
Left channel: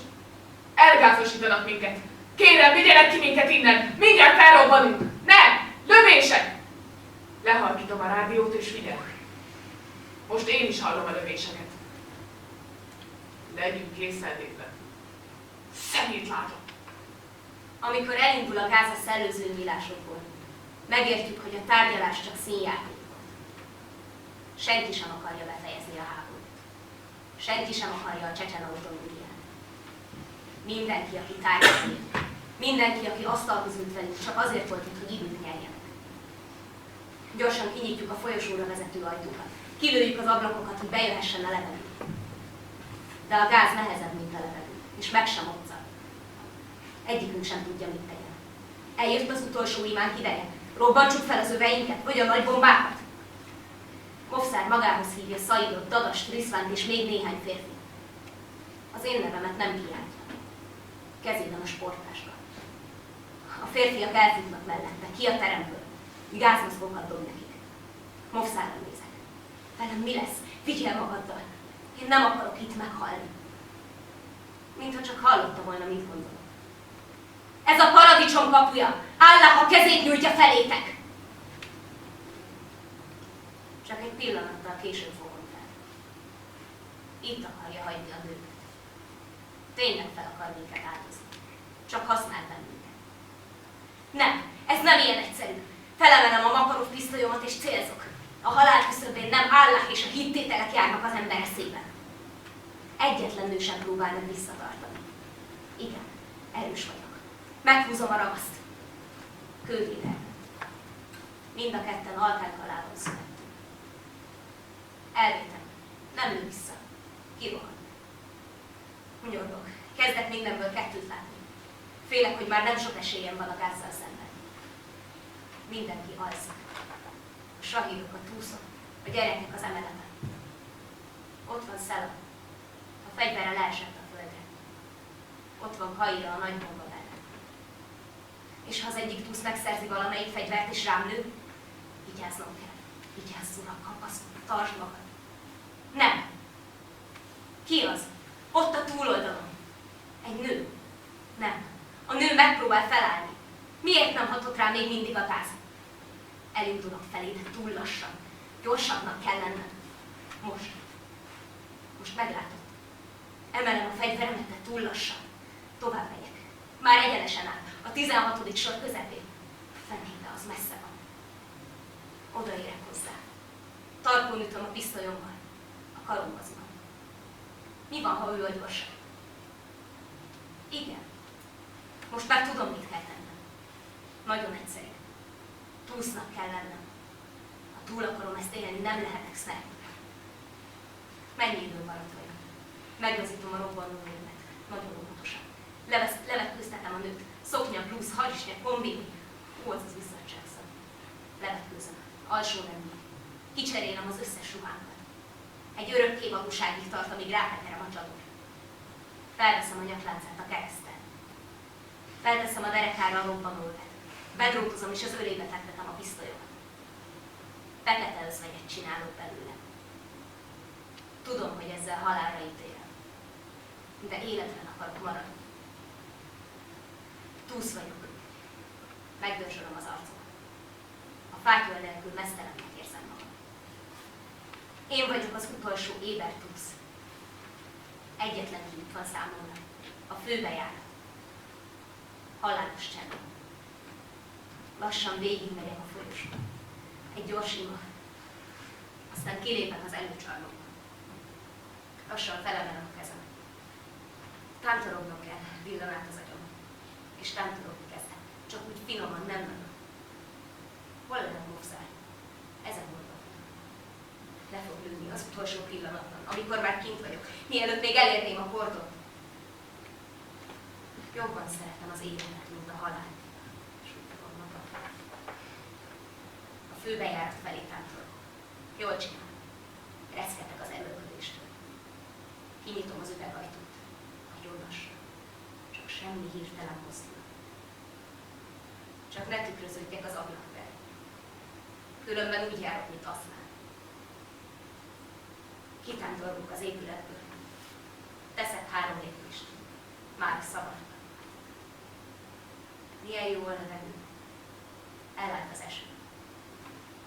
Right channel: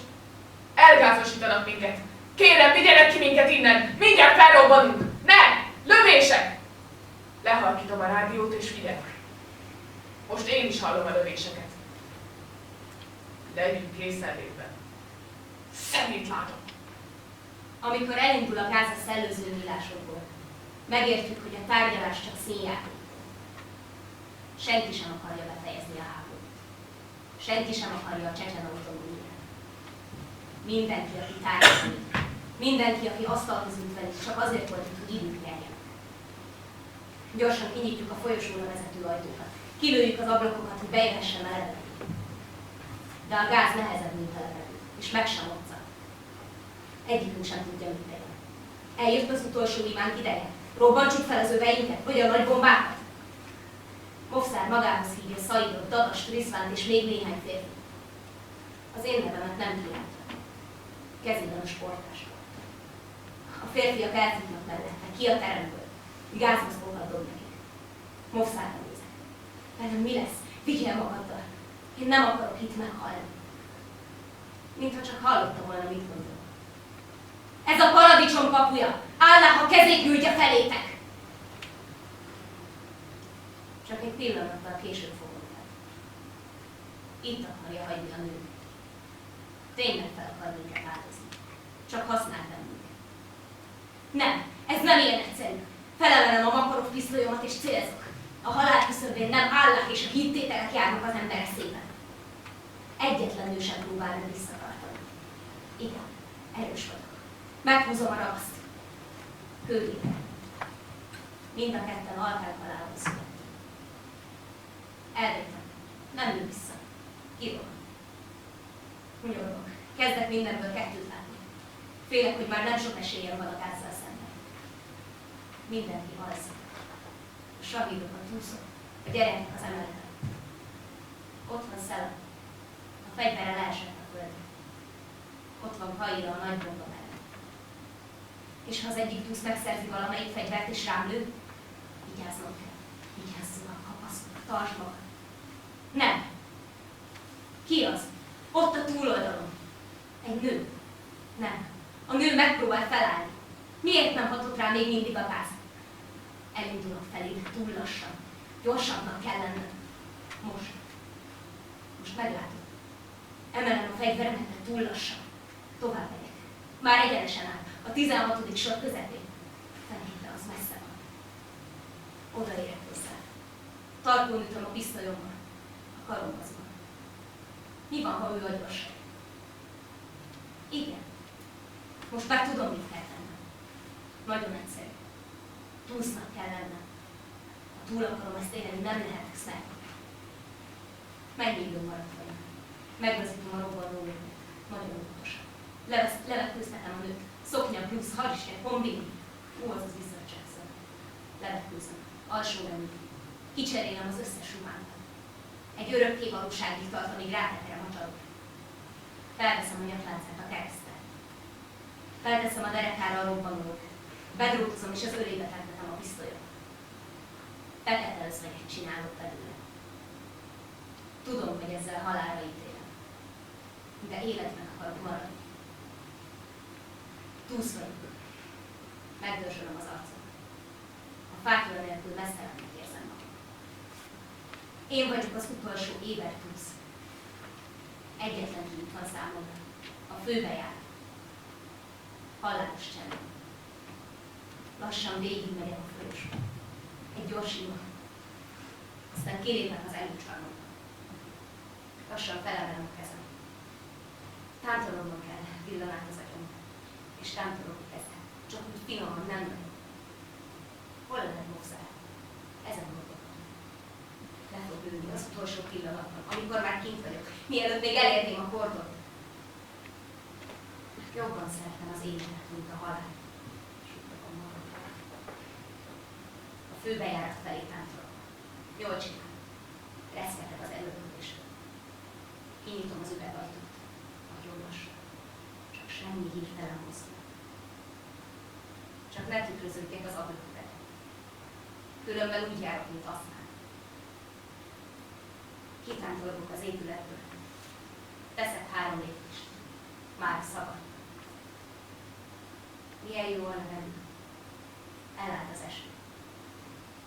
elgázosítanak minket. Kérem, vigyenek ki minket innen! Mindjárt felrobbanunk! Ne! Lövések! Lehalkítom a rádiót és figyelek. Most én is hallom a lövéseket. Legyünk készenlétben. Szemét látom. Amikor elindul a gáz a szellőző nyílásokból, megértjük, hogy a tárgyalás csak színjáték volt. Senki sem akarja befejezni a háborút. Senki sem akarja a csecsen autonómiát. Mindenki, aki tárgyalni, mindenki, aki asztalhoz ült velük, csak azért volt itt, hogy időt nyerjenek. Gyorsan kinyitjuk a folyosóra vezető ajtókat. Kilőjük az ablakokat, hogy bejöhessen a levegő. De a gáz nehezebb, mint a levegő, és meg sem moccan. Egyikünk sem tudja, mit tegyen. Eljött az utolsó imánk ideje. Robbantsuk fel az öveinket, vagy a nagy bombákat. Mofszár magához hívja Szaidot, Dadast, Riszvánt és még néhány férfi. Az én nevemet nem kiáltja. Kezében a sportáska. A férfiak elfutnak mellette, ki a teremből. Gázmaszkokat dob nekik. Mofszárra nézek. Velem mi lesz? Vigyél magaddal. Én nem akarok itt meghalni. Mintha csak hallotta volna, mit gondolok. Ez a paradicsom kapuja! Allah, ha kezét nyújtja felétek! Csak egy pillanattal később fogom fel. Itt akarja hagyni a nőket. Tényleg fel akar minket áldozni. Csak használ bennünket. Nem, ez nem ilyen egyszerű. Felemelem a Makarov pisztolyomat és célzok. A halál küszöbén nem Allah és a hittételek járnak az ember eszében. Egyetlen nő sem próbál meg visszatartani. Igen, erős vagyok. Meghúzom a ragaszt. Kővével. Mind a ketten alkák halálon születtünk. Elvétem. Nem lő vissza. Kirohan. Hunyorgok. Kezdek mindenből kettőt látni. Félek, hogy már nem sok esélyem van a gázzal szemben. Mindenki alszik. A sahídok, a túszok, a gyerekek az emeleten. Ott van Szela. A fegyverre leesett a földre. Ott van Kaira a nagy bomba mellett. És ha az egyik túsz megszerzi valamelyik fegyvert és rám lő, vigyáznom kell. Vigyázz, uram, kapaszkodj, tartsd magad. Nem. Ki az? Ott a túloldalon. Egy nő. Nem. A nő megpróbál felállni. Miért nem hatott rá még mindig a gáz? Elindulok felé, de túl lassan. Gyorsabbnak kell lennem. Most meglátod. Emelem a fegyveremet, de túl lassan. Tovább megyek. Már egyenesen áll. A 16. sor közepén. Fenébe, az messze van. Odaérek hozzá. Tarkón ütöm a pisztolyommal. A karomba zuhan. Mi van, ha ő a gyorsabb? Igen. Most már tudom, mit kell tennem. Nagyon egyszerű. Túsznak kell lennem. Ha túl akarom ezt élni, nem lehetek sniper. Mennyi időm maradt vajon? Meglazítom a robbanó nőmet. Nagyon óvatosan. Levetkőztetem a nőt. Szoknya, blúz, harisnya, kombini. Az bizzadságszal. Levetkőzöm. Alsó nemű. Kicserélem az összes ruhámban. Egy örökké valóságig tart, amíg rátekerem a csadot. Felveszem a nyakláncát a kereszttel. Felteszem a derekára a robbanóövet. Bedrótozom és az ölébe fektetem a pisztolyomat. Fekete özvegyet csinálok belőle. Tudom, hogy ezzel halálra ítélem. De életben akarok maradni. Túsz vagyok. Megdörzsölöm az arcomat. A fátyol nélkül mesztelennek érzem magam. Én vagyok az utolsó éber túsz. Egyetlen kiút van számomra. A főbejárat. Halálos csend. Lassan végigmegyek a folyosón. Egy gyors ima. Aztán kilépek az előcsarnokba. Lassan felemelem a kezem. Tántorognom kell, villan át az agyamon. És tántorogni kezdek. Csak úgy finoman, nem nagyon. Hol lehet Mofszár? Ezen gondolkodom. Le fog lőni az utolsó pillanatban, amikor már kint vagyok, mielőtt még elérném a kordot. Jobban szeretem az életet, mint a halált. Suttogom magam. A főbejárat felé tántorogok. Jól csinálom. Reszketek az előköléstől. Kinyitom az üvegajtót. Nagyon lassan. Csak semmi hirtelen mozdulat. Csak ne tükröződjek az ablak vele. Különben úgy járok, mint aztán. Kitántorgok az épületből. Teszek 3 lépést. Már szabad. Milyen jó a levegő. Elállt az eső.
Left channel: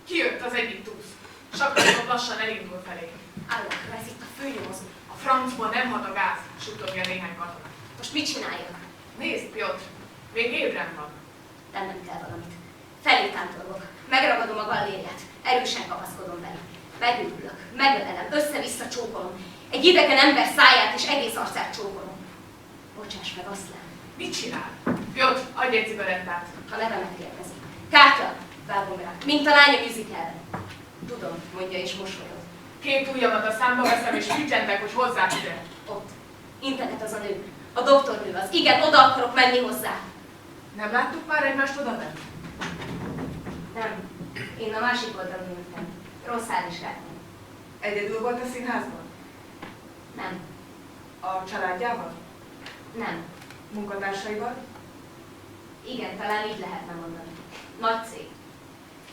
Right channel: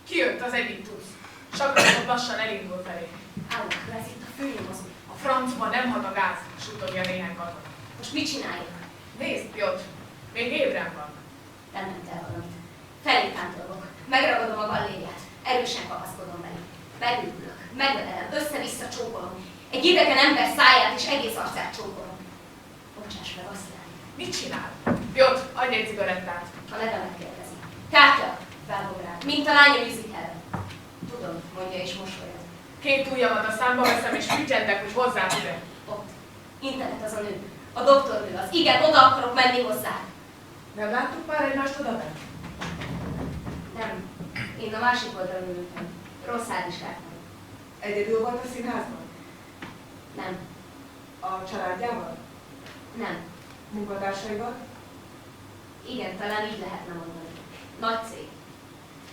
Kijött az egyik túsz. Sakraton lassan elindul felé. Állok, ez itt a főnyomozó. A francban nem hat a gáz, suttogja néhány katona. Most mit csináljak? Nézd, Piotr, még ébren van. Tennem kell valamit. Felé tántorgok. Megragadom a gallériát. Erősen kapaszkodom belé. Megőrülök, megölelem, össze-vissza csókolom. Egy idegen ember száját és egész arcát csókolom. Bocsáss meg, Aszlán. Mit csinál? Piotr, adj egy cigarettát. Ha nevemet kérdezi. Kátya! Vágom rá. Mint a lány a musicalben. Tudom, mondja és mosolyog. 2 ujjamat a számba veszem, és ügyentek, hogy hozzá ide. Ott. Integet az a nő. A doktornő az. Igen, oda akarok menni hozzá. Nem láttuk már egymást oda menni? Nem. Én a másik oldalon ültem. Rosszál vizsgáltam. Egyedül volt a színházban? Nem. A családjával? Nem. Munkatársaival? Igen, talán így lehetne mondani. Nagy cég.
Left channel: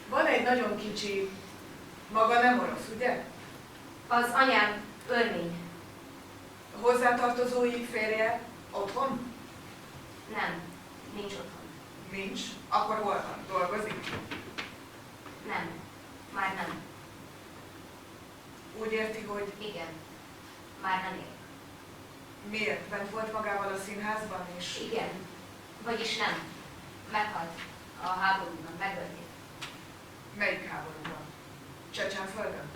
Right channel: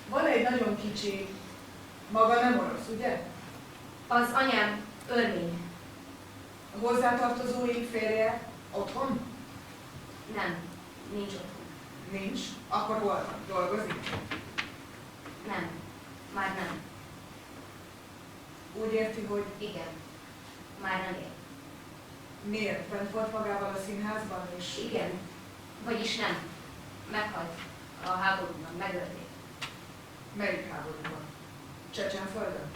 Van egy nagyon kicsi, maga nem orosz, ugye? Az anyám örmény. A hozzátartozói férje otthon? Nem. Nincs otthon. Nincs. Akkor hol van? Dolgozik? Nem. Már nem. Úgy érti, hogy Igen. Már nem ér. miért? Bent volt magával a színházban is? Igen. Vagyis nem. Meghalt. A háborúban. Megölték. Melyik háborúban? Csecsenföldön?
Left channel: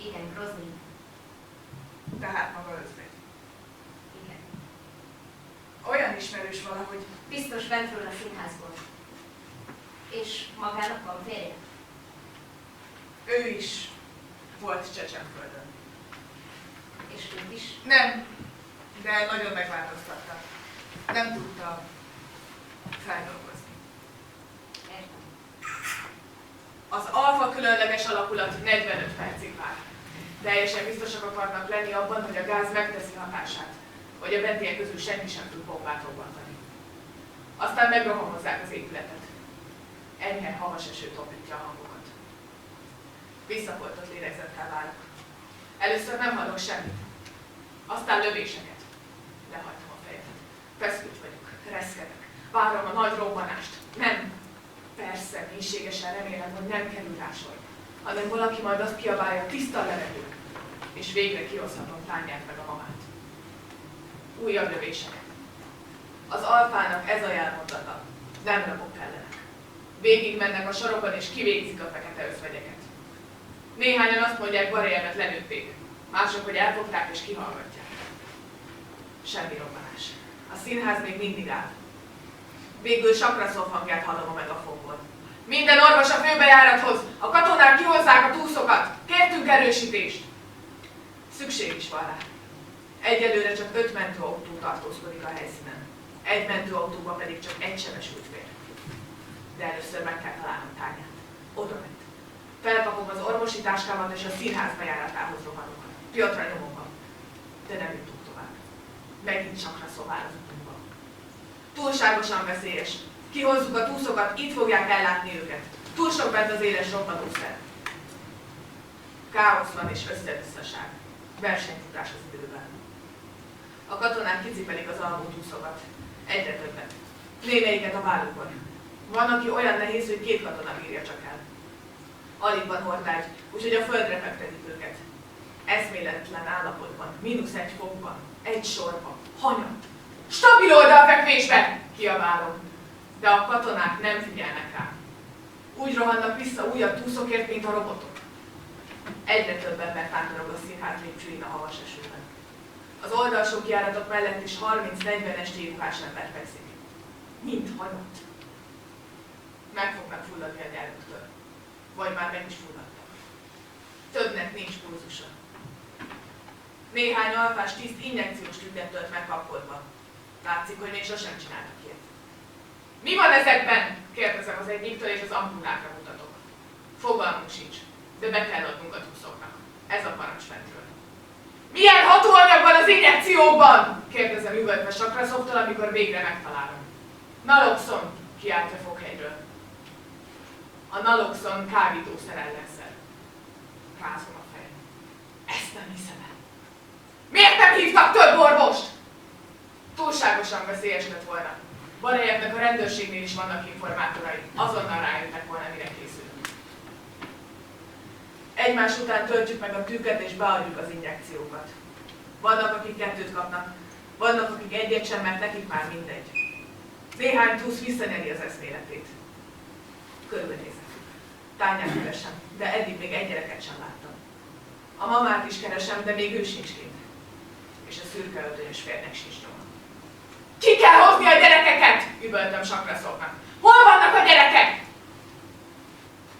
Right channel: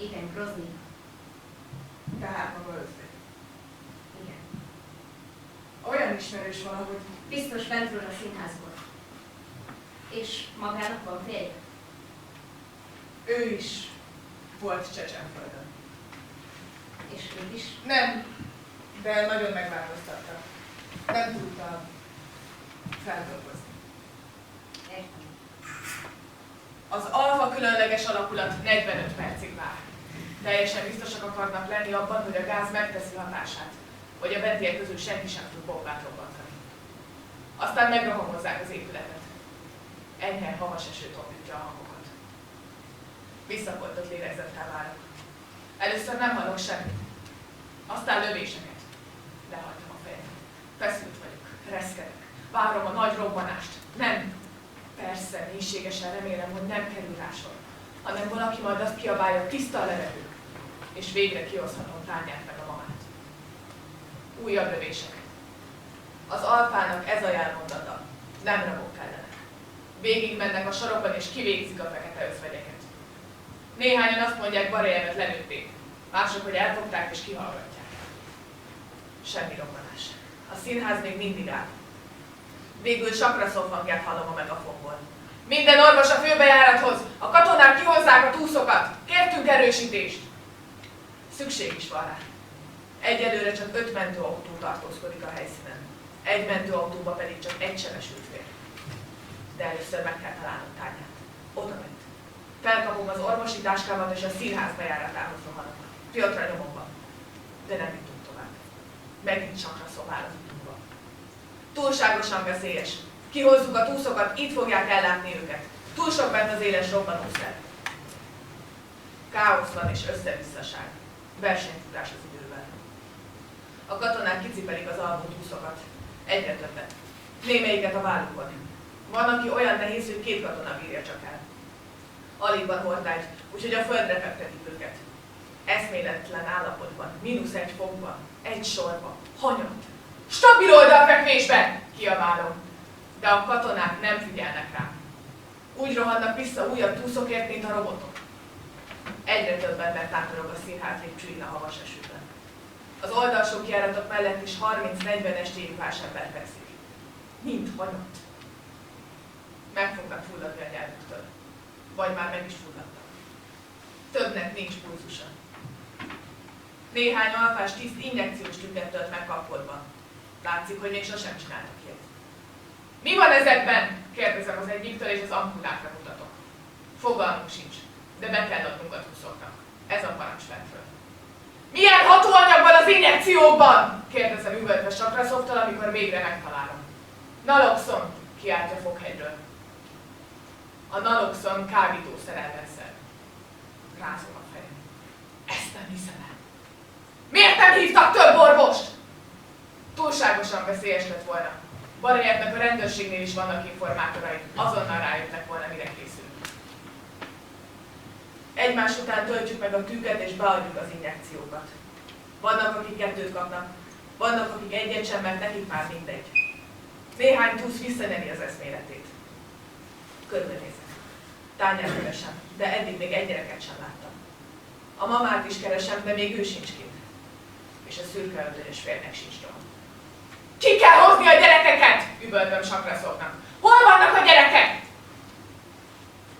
Igen, Groznyban. Tehát maga özvegy. Igen. Olyan ismerős valahogy. Biztos bentről a színházból. És magának van férje? Ő is volt Csecsenföldön. És őt is? Nem, de nagyon megváltoztatta. Nem tudta feldolgozni. Értem. Az alfa különleges alakulat 45 percig vár. Teljesen biztosak akarnak lenni abban, hogy a gáz megteszi hatását, hogy a bentiek közül senki sem tud bombát robbantani. Aztán megrohamozzák az épületet. Enyhe havas eső tompítja a hangokat. Visszafoltott lélegzettel válok. Először nem hallok semmit. Aztán lövéseket. Lehajtom a fejemet. Feszült vagyok, reszkedek. Várom a nagy robbanást. Nem. Persze, mélységesen remélem, hogy nem kerül rá sor, hanem valaki majd azt kiabálja, tiszta a levegő, és végre kihozhatom tányát meg a mamát. Újabb lövéseket. Az alfának ez a jelmondata. Nem rabok kellenek. Végig mennek a sorokon és kivégzik a fekete özvegyeket. Néhányan azt mondják, Barejemet lelőtték, mások, hogy elfogták és kihallgatják. Semmi robbanás. A színház még mindig áll. Végül Sakraszov hangját hallom a megafonból. Minden orvos a főbejárathoz! A katonák kihozzák a túszokat! Kértünk erősítést! Szükség is van rá. Egyelőre csak 5 mentőautó tartózkodik a helyszínen. Egy mentőautóba pedig csak egy sebesült fér. De először meg kell találnom tányát. Oda ment. Felkapom az orvosi táskámat és a színház bejáratához rohanok. Piotra nyomomban. De nem jutunk tovább. Megint Sakraszov áll az utunkba. Túlságosan veszélyes. Kihozzuk a túszokat, itt fogják ellátni őket. Túl sok bent az éles robbanószer. Káosz van és összevisszaság. Versenyfutás az időben. A katonák kicipelik az alvó túszokat. Egyre többet. Némelyiket a vállukon. Van, aki olyan nehéz, hogy 2 katona bírja csak el. Alig van hordágy, úgyhogy a földre fektetik őket. Eszméletlen állapotban, -1 fokban, egy sorba, hanyat. Stabil oldalfekvésbe! Kiabálom. De a katonák nem figyelnek rám. Úgy rohannak vissza újabb túszokért, mint a robotok. Egyre több ember tátorog a színház lépcsőin a havas esőben. Az oldalsó kijáratok mellett is 30-40 estélyruhás ember fekszik. Mind hanyat. Meg fognak fulladni a nyelvüktől. Vagy már meg is fulladtak. Többnek nincs pulzusa. Néhány alfás tiszt injekciós tüket tölt meg kapkodva. Látszik, hogy még sosem csináltak ilyet. Mi van ezekben? Kérdezem az egyiktől, és az ampulákra mutatok. Fogalmunk sincs, de be kell adnunk a túszoknak. Ez a parancs fentről. Milyen hatóanyag van az injekciókban? Kérdezem üvöltve Sakraszovtól, amikor végre megtalálom. Naloxon, kiáltja Fokhegyről. A naloxon kábítószer ellenszer. Rázom a fejem. Ezt nem hiszem el. Miért nem hívtak több orvost? Túlságosan veszélyes lett volna. Barejevnek a rendőrségnél is vannak informátorai. Azonnal rájöttek volna, mire készülünk. Egymás után töltjük meg a tűket és beadjuk az injekciókat. Vannak, akik 2 kapnak, vannak, akik 1 sem, mert nekik már mindegy. Néhány túsz visszanyeri az eszméletét. Körülnézek. Tányát keresem, de eddig még egy gyereket sem láttam. A mamát is keresem, de még ő sincs kint. És a szürke öltönyös férnek sincs nyoma. Ki kell hozni a gyerekeket! Üvöltöm Sakraszovnak. Hol vannak a gyerekek?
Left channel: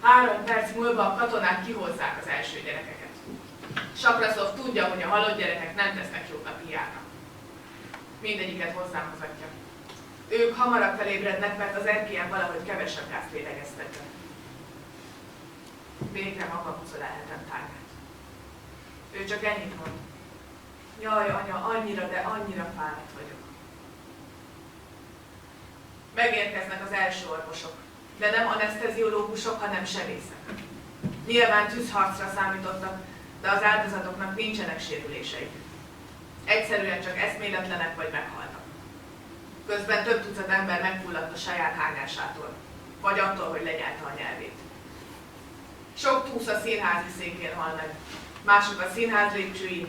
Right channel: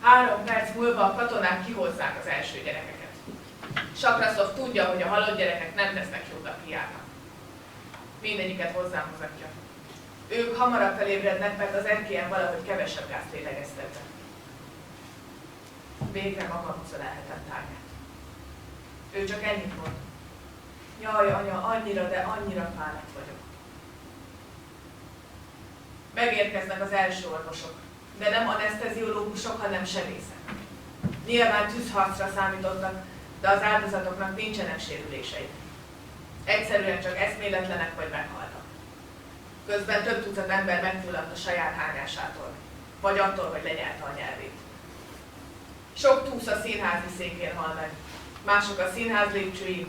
3 perc múlva a katonák kihozzák az első gyerekeket. Sakraszov tudja, hogy a halott gyerekek nem tesznek jót a piának. Mindegyiket hozzám hozatja. Ők hamarabb felébrednek, mert az erkélyen valahogy kevesebb gázt lélegeztek be. Végre magamhoz ölelhetem Tányát. Ő csak ennyit mond. Jaj, anya, annyira, de annyira fáradt vagyok. Megérkeznek az első orvosok, de nem aneszteziológusok, hanem sebészek. Nyilván tűzharcra számítottak, de az áldozatoknak nincsenek sérüléseik. Egyszerűen csak eszméletlenek vagy meghaltak. Közben több tucat ember megfulladt a saját hányásától, vagy attól, hogy lenyelte a nyelvét. Sok túsz a színházi székén hal meg, mások a színház lépcsőin,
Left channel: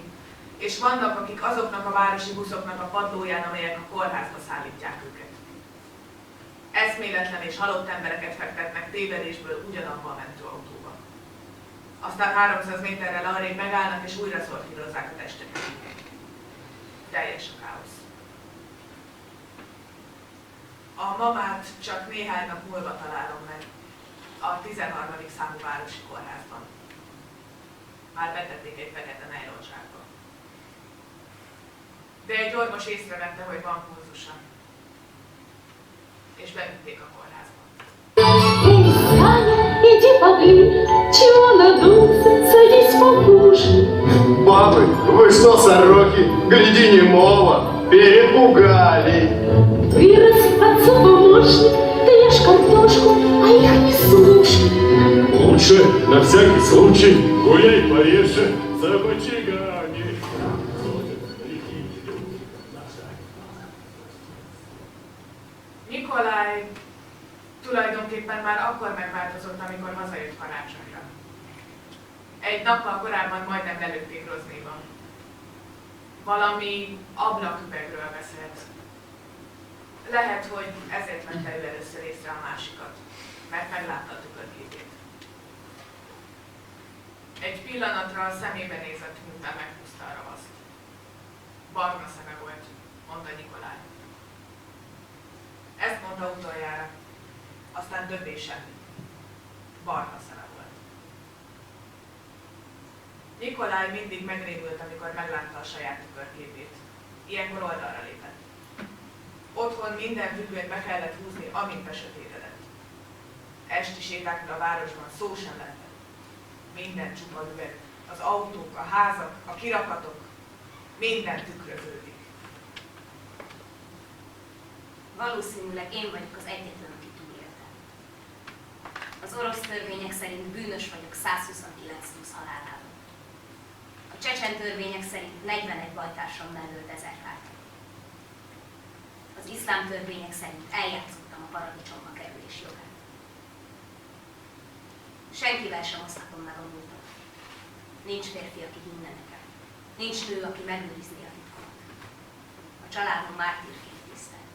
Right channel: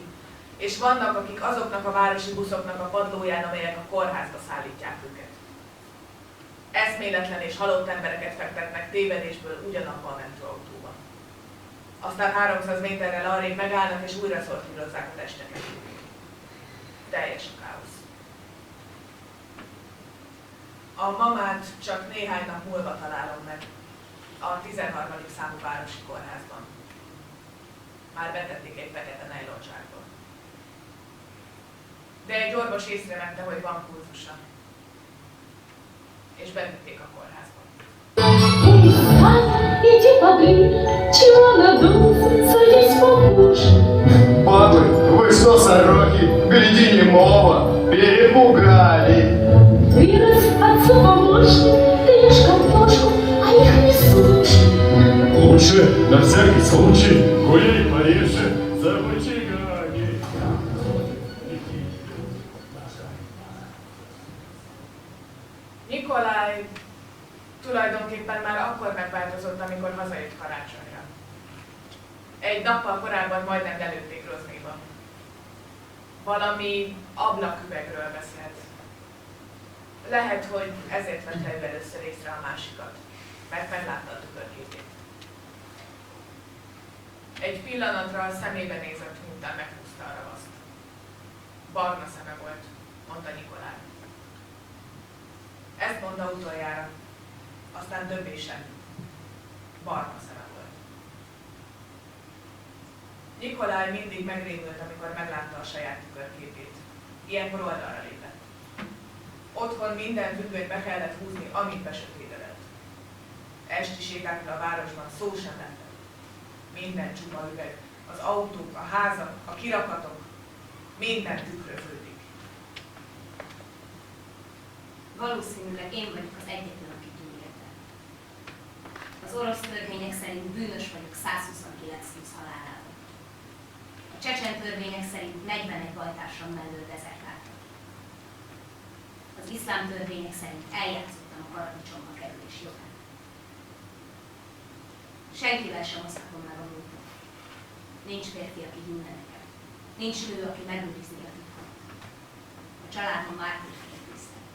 és vannak, akik azoknak a városi buszoknak a padlóján, amelyek a kórházba szállítják őket. Eszméletlen és halott embereket fektetnek tévedésből ugyanabba a mentőautóba. Aztán 300 méterrel arrébb megállnak és újra szortírozzák a testeket. Teljes a káosz. A mamát csak néhány nap múlva találom meg, a 13. számú városi kórházban. Már betették egy fekete nejlonzsákba. De egy orvos észrevette, hogy van pulzusa. És bevitték a kórházba. Иди подуй, чего надулся, садись покушай. Папы, вы что, сороки, гляди немого, перепугали. Вырос отцу помощник, ты ешь картошку, а их не слушай. Лучше на всякий случай гуляй пореже за бычагами. Nikolaj tulajdonképpen már akkor megváltozott, amikor hazajött karácsonyra. Egy nappal korábban majdnem lelőtték Groznyban. Valami ablaküvegről beszélt. Lehet, hogy ezért vette ő először észre a másikat, mert meglátta a tükörképét. Egy pillanatra a szemébe nézett, miután meghúzta a ravaszt. Barna szeme volt, mondta Nikolaj. Ezt mondta utoljára, aztán többé semmi. Barna szeme volt. Nikolaj mindig megrémült, amikor meglátta a saját tükörképét. Ilyenkor oldalra lépett. Otthon minden függönyt be kellett húzni, amint besötétedett. Esti sétákra a városban szó sem lehetett. Minden csupa üveg, az autók, a házak, a kirakatok, minden tükröződik. Valószínűleg én vagyok az egyetlen, aki túlélte. Az orosz törvények szerint bűnös vagyok 129 túsz halálában. A csecsen törvények szerint 41 bajtársam mellől dezertáltak. Az iszlám törvények szerint eljátszottam a paradicsomba kerülés jogát. Senkivel sem osztatom meg a múltam. Nincs férfi, aki hinne nekem. Nincs nő, aki megőrizné a titkomat. A családom mártírként tisztel.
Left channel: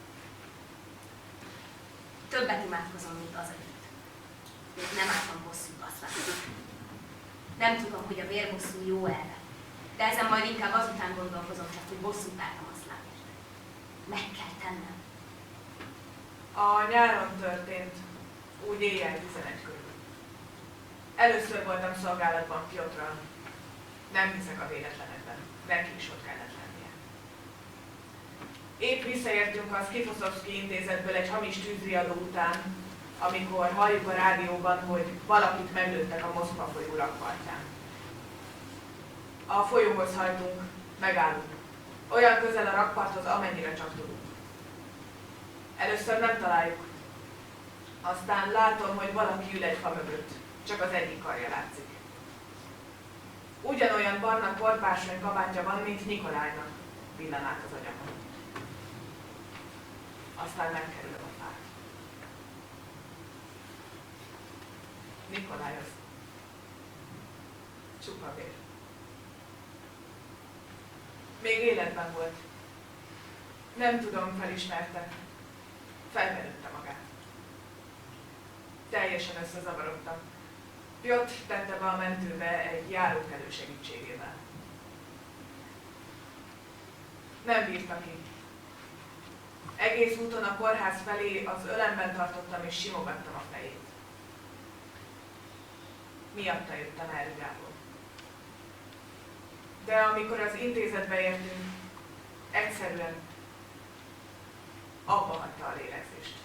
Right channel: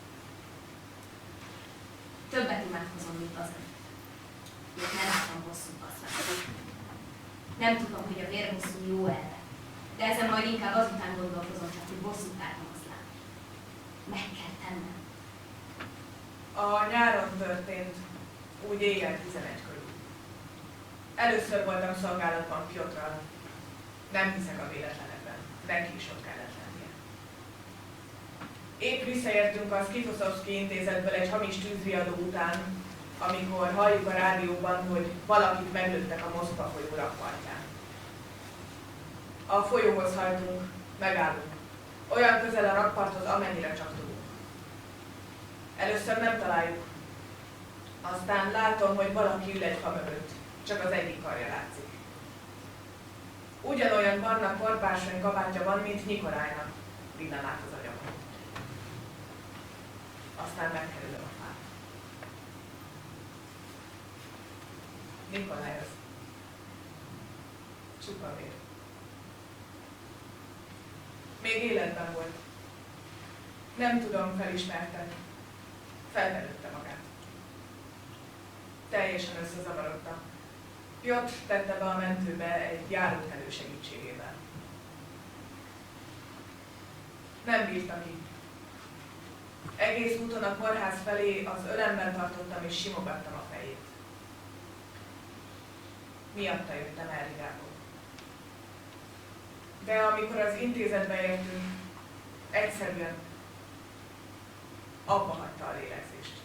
Többet imádkozom, mint azelőtt. Még nem álltam bosszút Aszlánnak. Nem tudom, hogy a vérbosszú jó elve, de ezen majd inkább azután gondolkozom csak, hogy bosszút álltam Aszlánért. Meg kell tennem. A nyáron történt, úgy éjjel 11 körül. Először voltam szolgálatban Piotrral. Nem hiszek a véletlenekben, neki is ott kellett lennie. Épp visszaértünk a Skifoszovszki intézetből egy hamis tűzriadó után, amikor halljuk a rádióban, hogy valakit meglőttek a Moszkva folyó rakpartján. A folyóhoz hajtunk, megállunk. Olyan közel a rakparthoz, amennyire csak tudunk. Először nem találjuk. Aztán látom, hogy valaki ül egy fa mögött. Csak az egyik karja látszik. Ugyanolyan barna korpársony kabátja van, mint Nikolájnak, villan át az agyamon. Aztán megkerülöm a fát. Nikolaj az. Csupa vér. Még életben volt. Nem tudom, felismerte. Felverődte magát. Teljesen összezavarodtam. Piotr tette be a mentőbe egy járókelő segítségével. Nem bírta ki. Egész úton a kórház felé az ölemben tartottam és simogattam a fejét. miatta jöttem el Rigából. De amikor az intézetbe értünk, egyszerűen abba hagyta a lélegzést.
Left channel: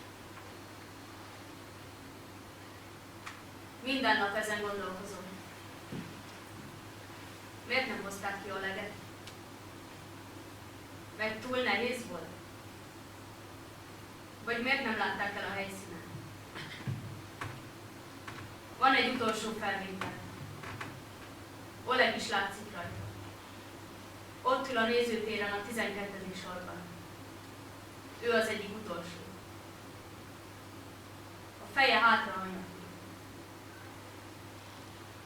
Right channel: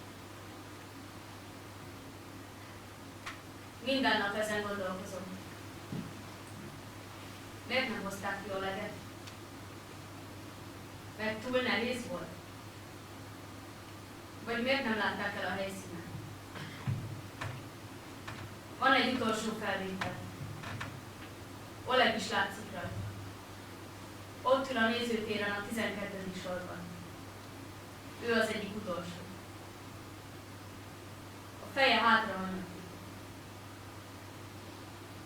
Minden nap ezen gondolkozom. Miért nem hozták ki Oleget? Mert túl nehéz volt? Vagy miért nem látták el a helyszínen? Van egy utolsó felvétel. Oleg is látszik rajta. Ott ül a nézőtéren a 12. sorban. Ő az egyik utolsó. A feje hátra hajnak.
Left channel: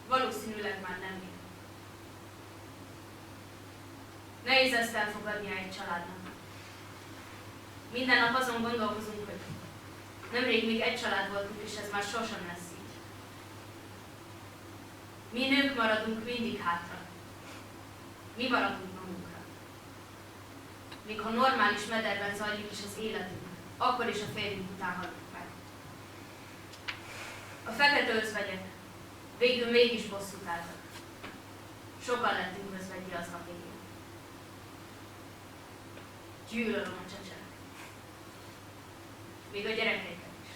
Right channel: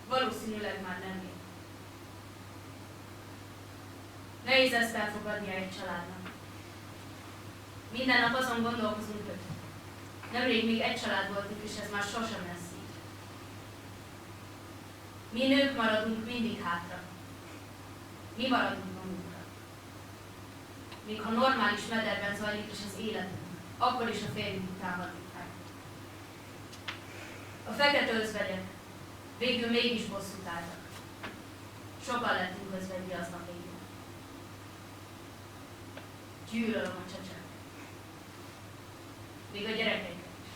Valószínűleg már nem él. Nehéz ezt elfogadnia egy családnak. Minden nap azon gondolkozunk, hogy nemrég még egy család voltunk, és ez már sosem lesz így. Mi nők maradunk mindig hátra. Mi maradunk magunkra. Még ha normális mederben zajlik is az életünk, akkor is a férjünk után hagyjuk el. A fekete özvegyek végül mégis bosszút álltak. Sokan lettünk özvegyi aznap éjjel. Gyűlölöm a csecsemőket. Még a gyerekeiket is.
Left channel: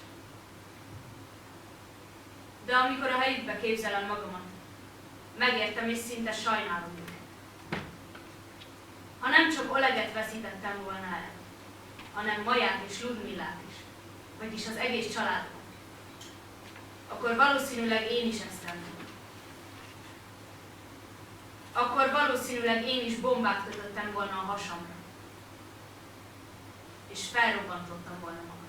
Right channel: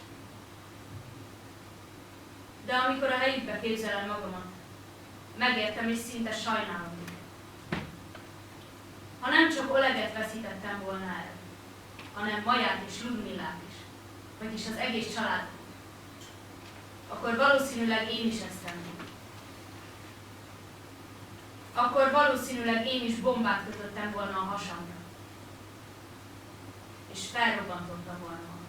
De amikor a helyükbe képzelem magamat, megértem és szinte sajnálom őket. Ha nem csak Oleget veszítettem volna el, hanem Maját és Ludmillát is, vagyis az egész családomat, akkor valószínűleg én is ezt tenném. Akkor valószínűleg én is bombát kötöttem volna a hasamra, és felrobbantottam volna magam.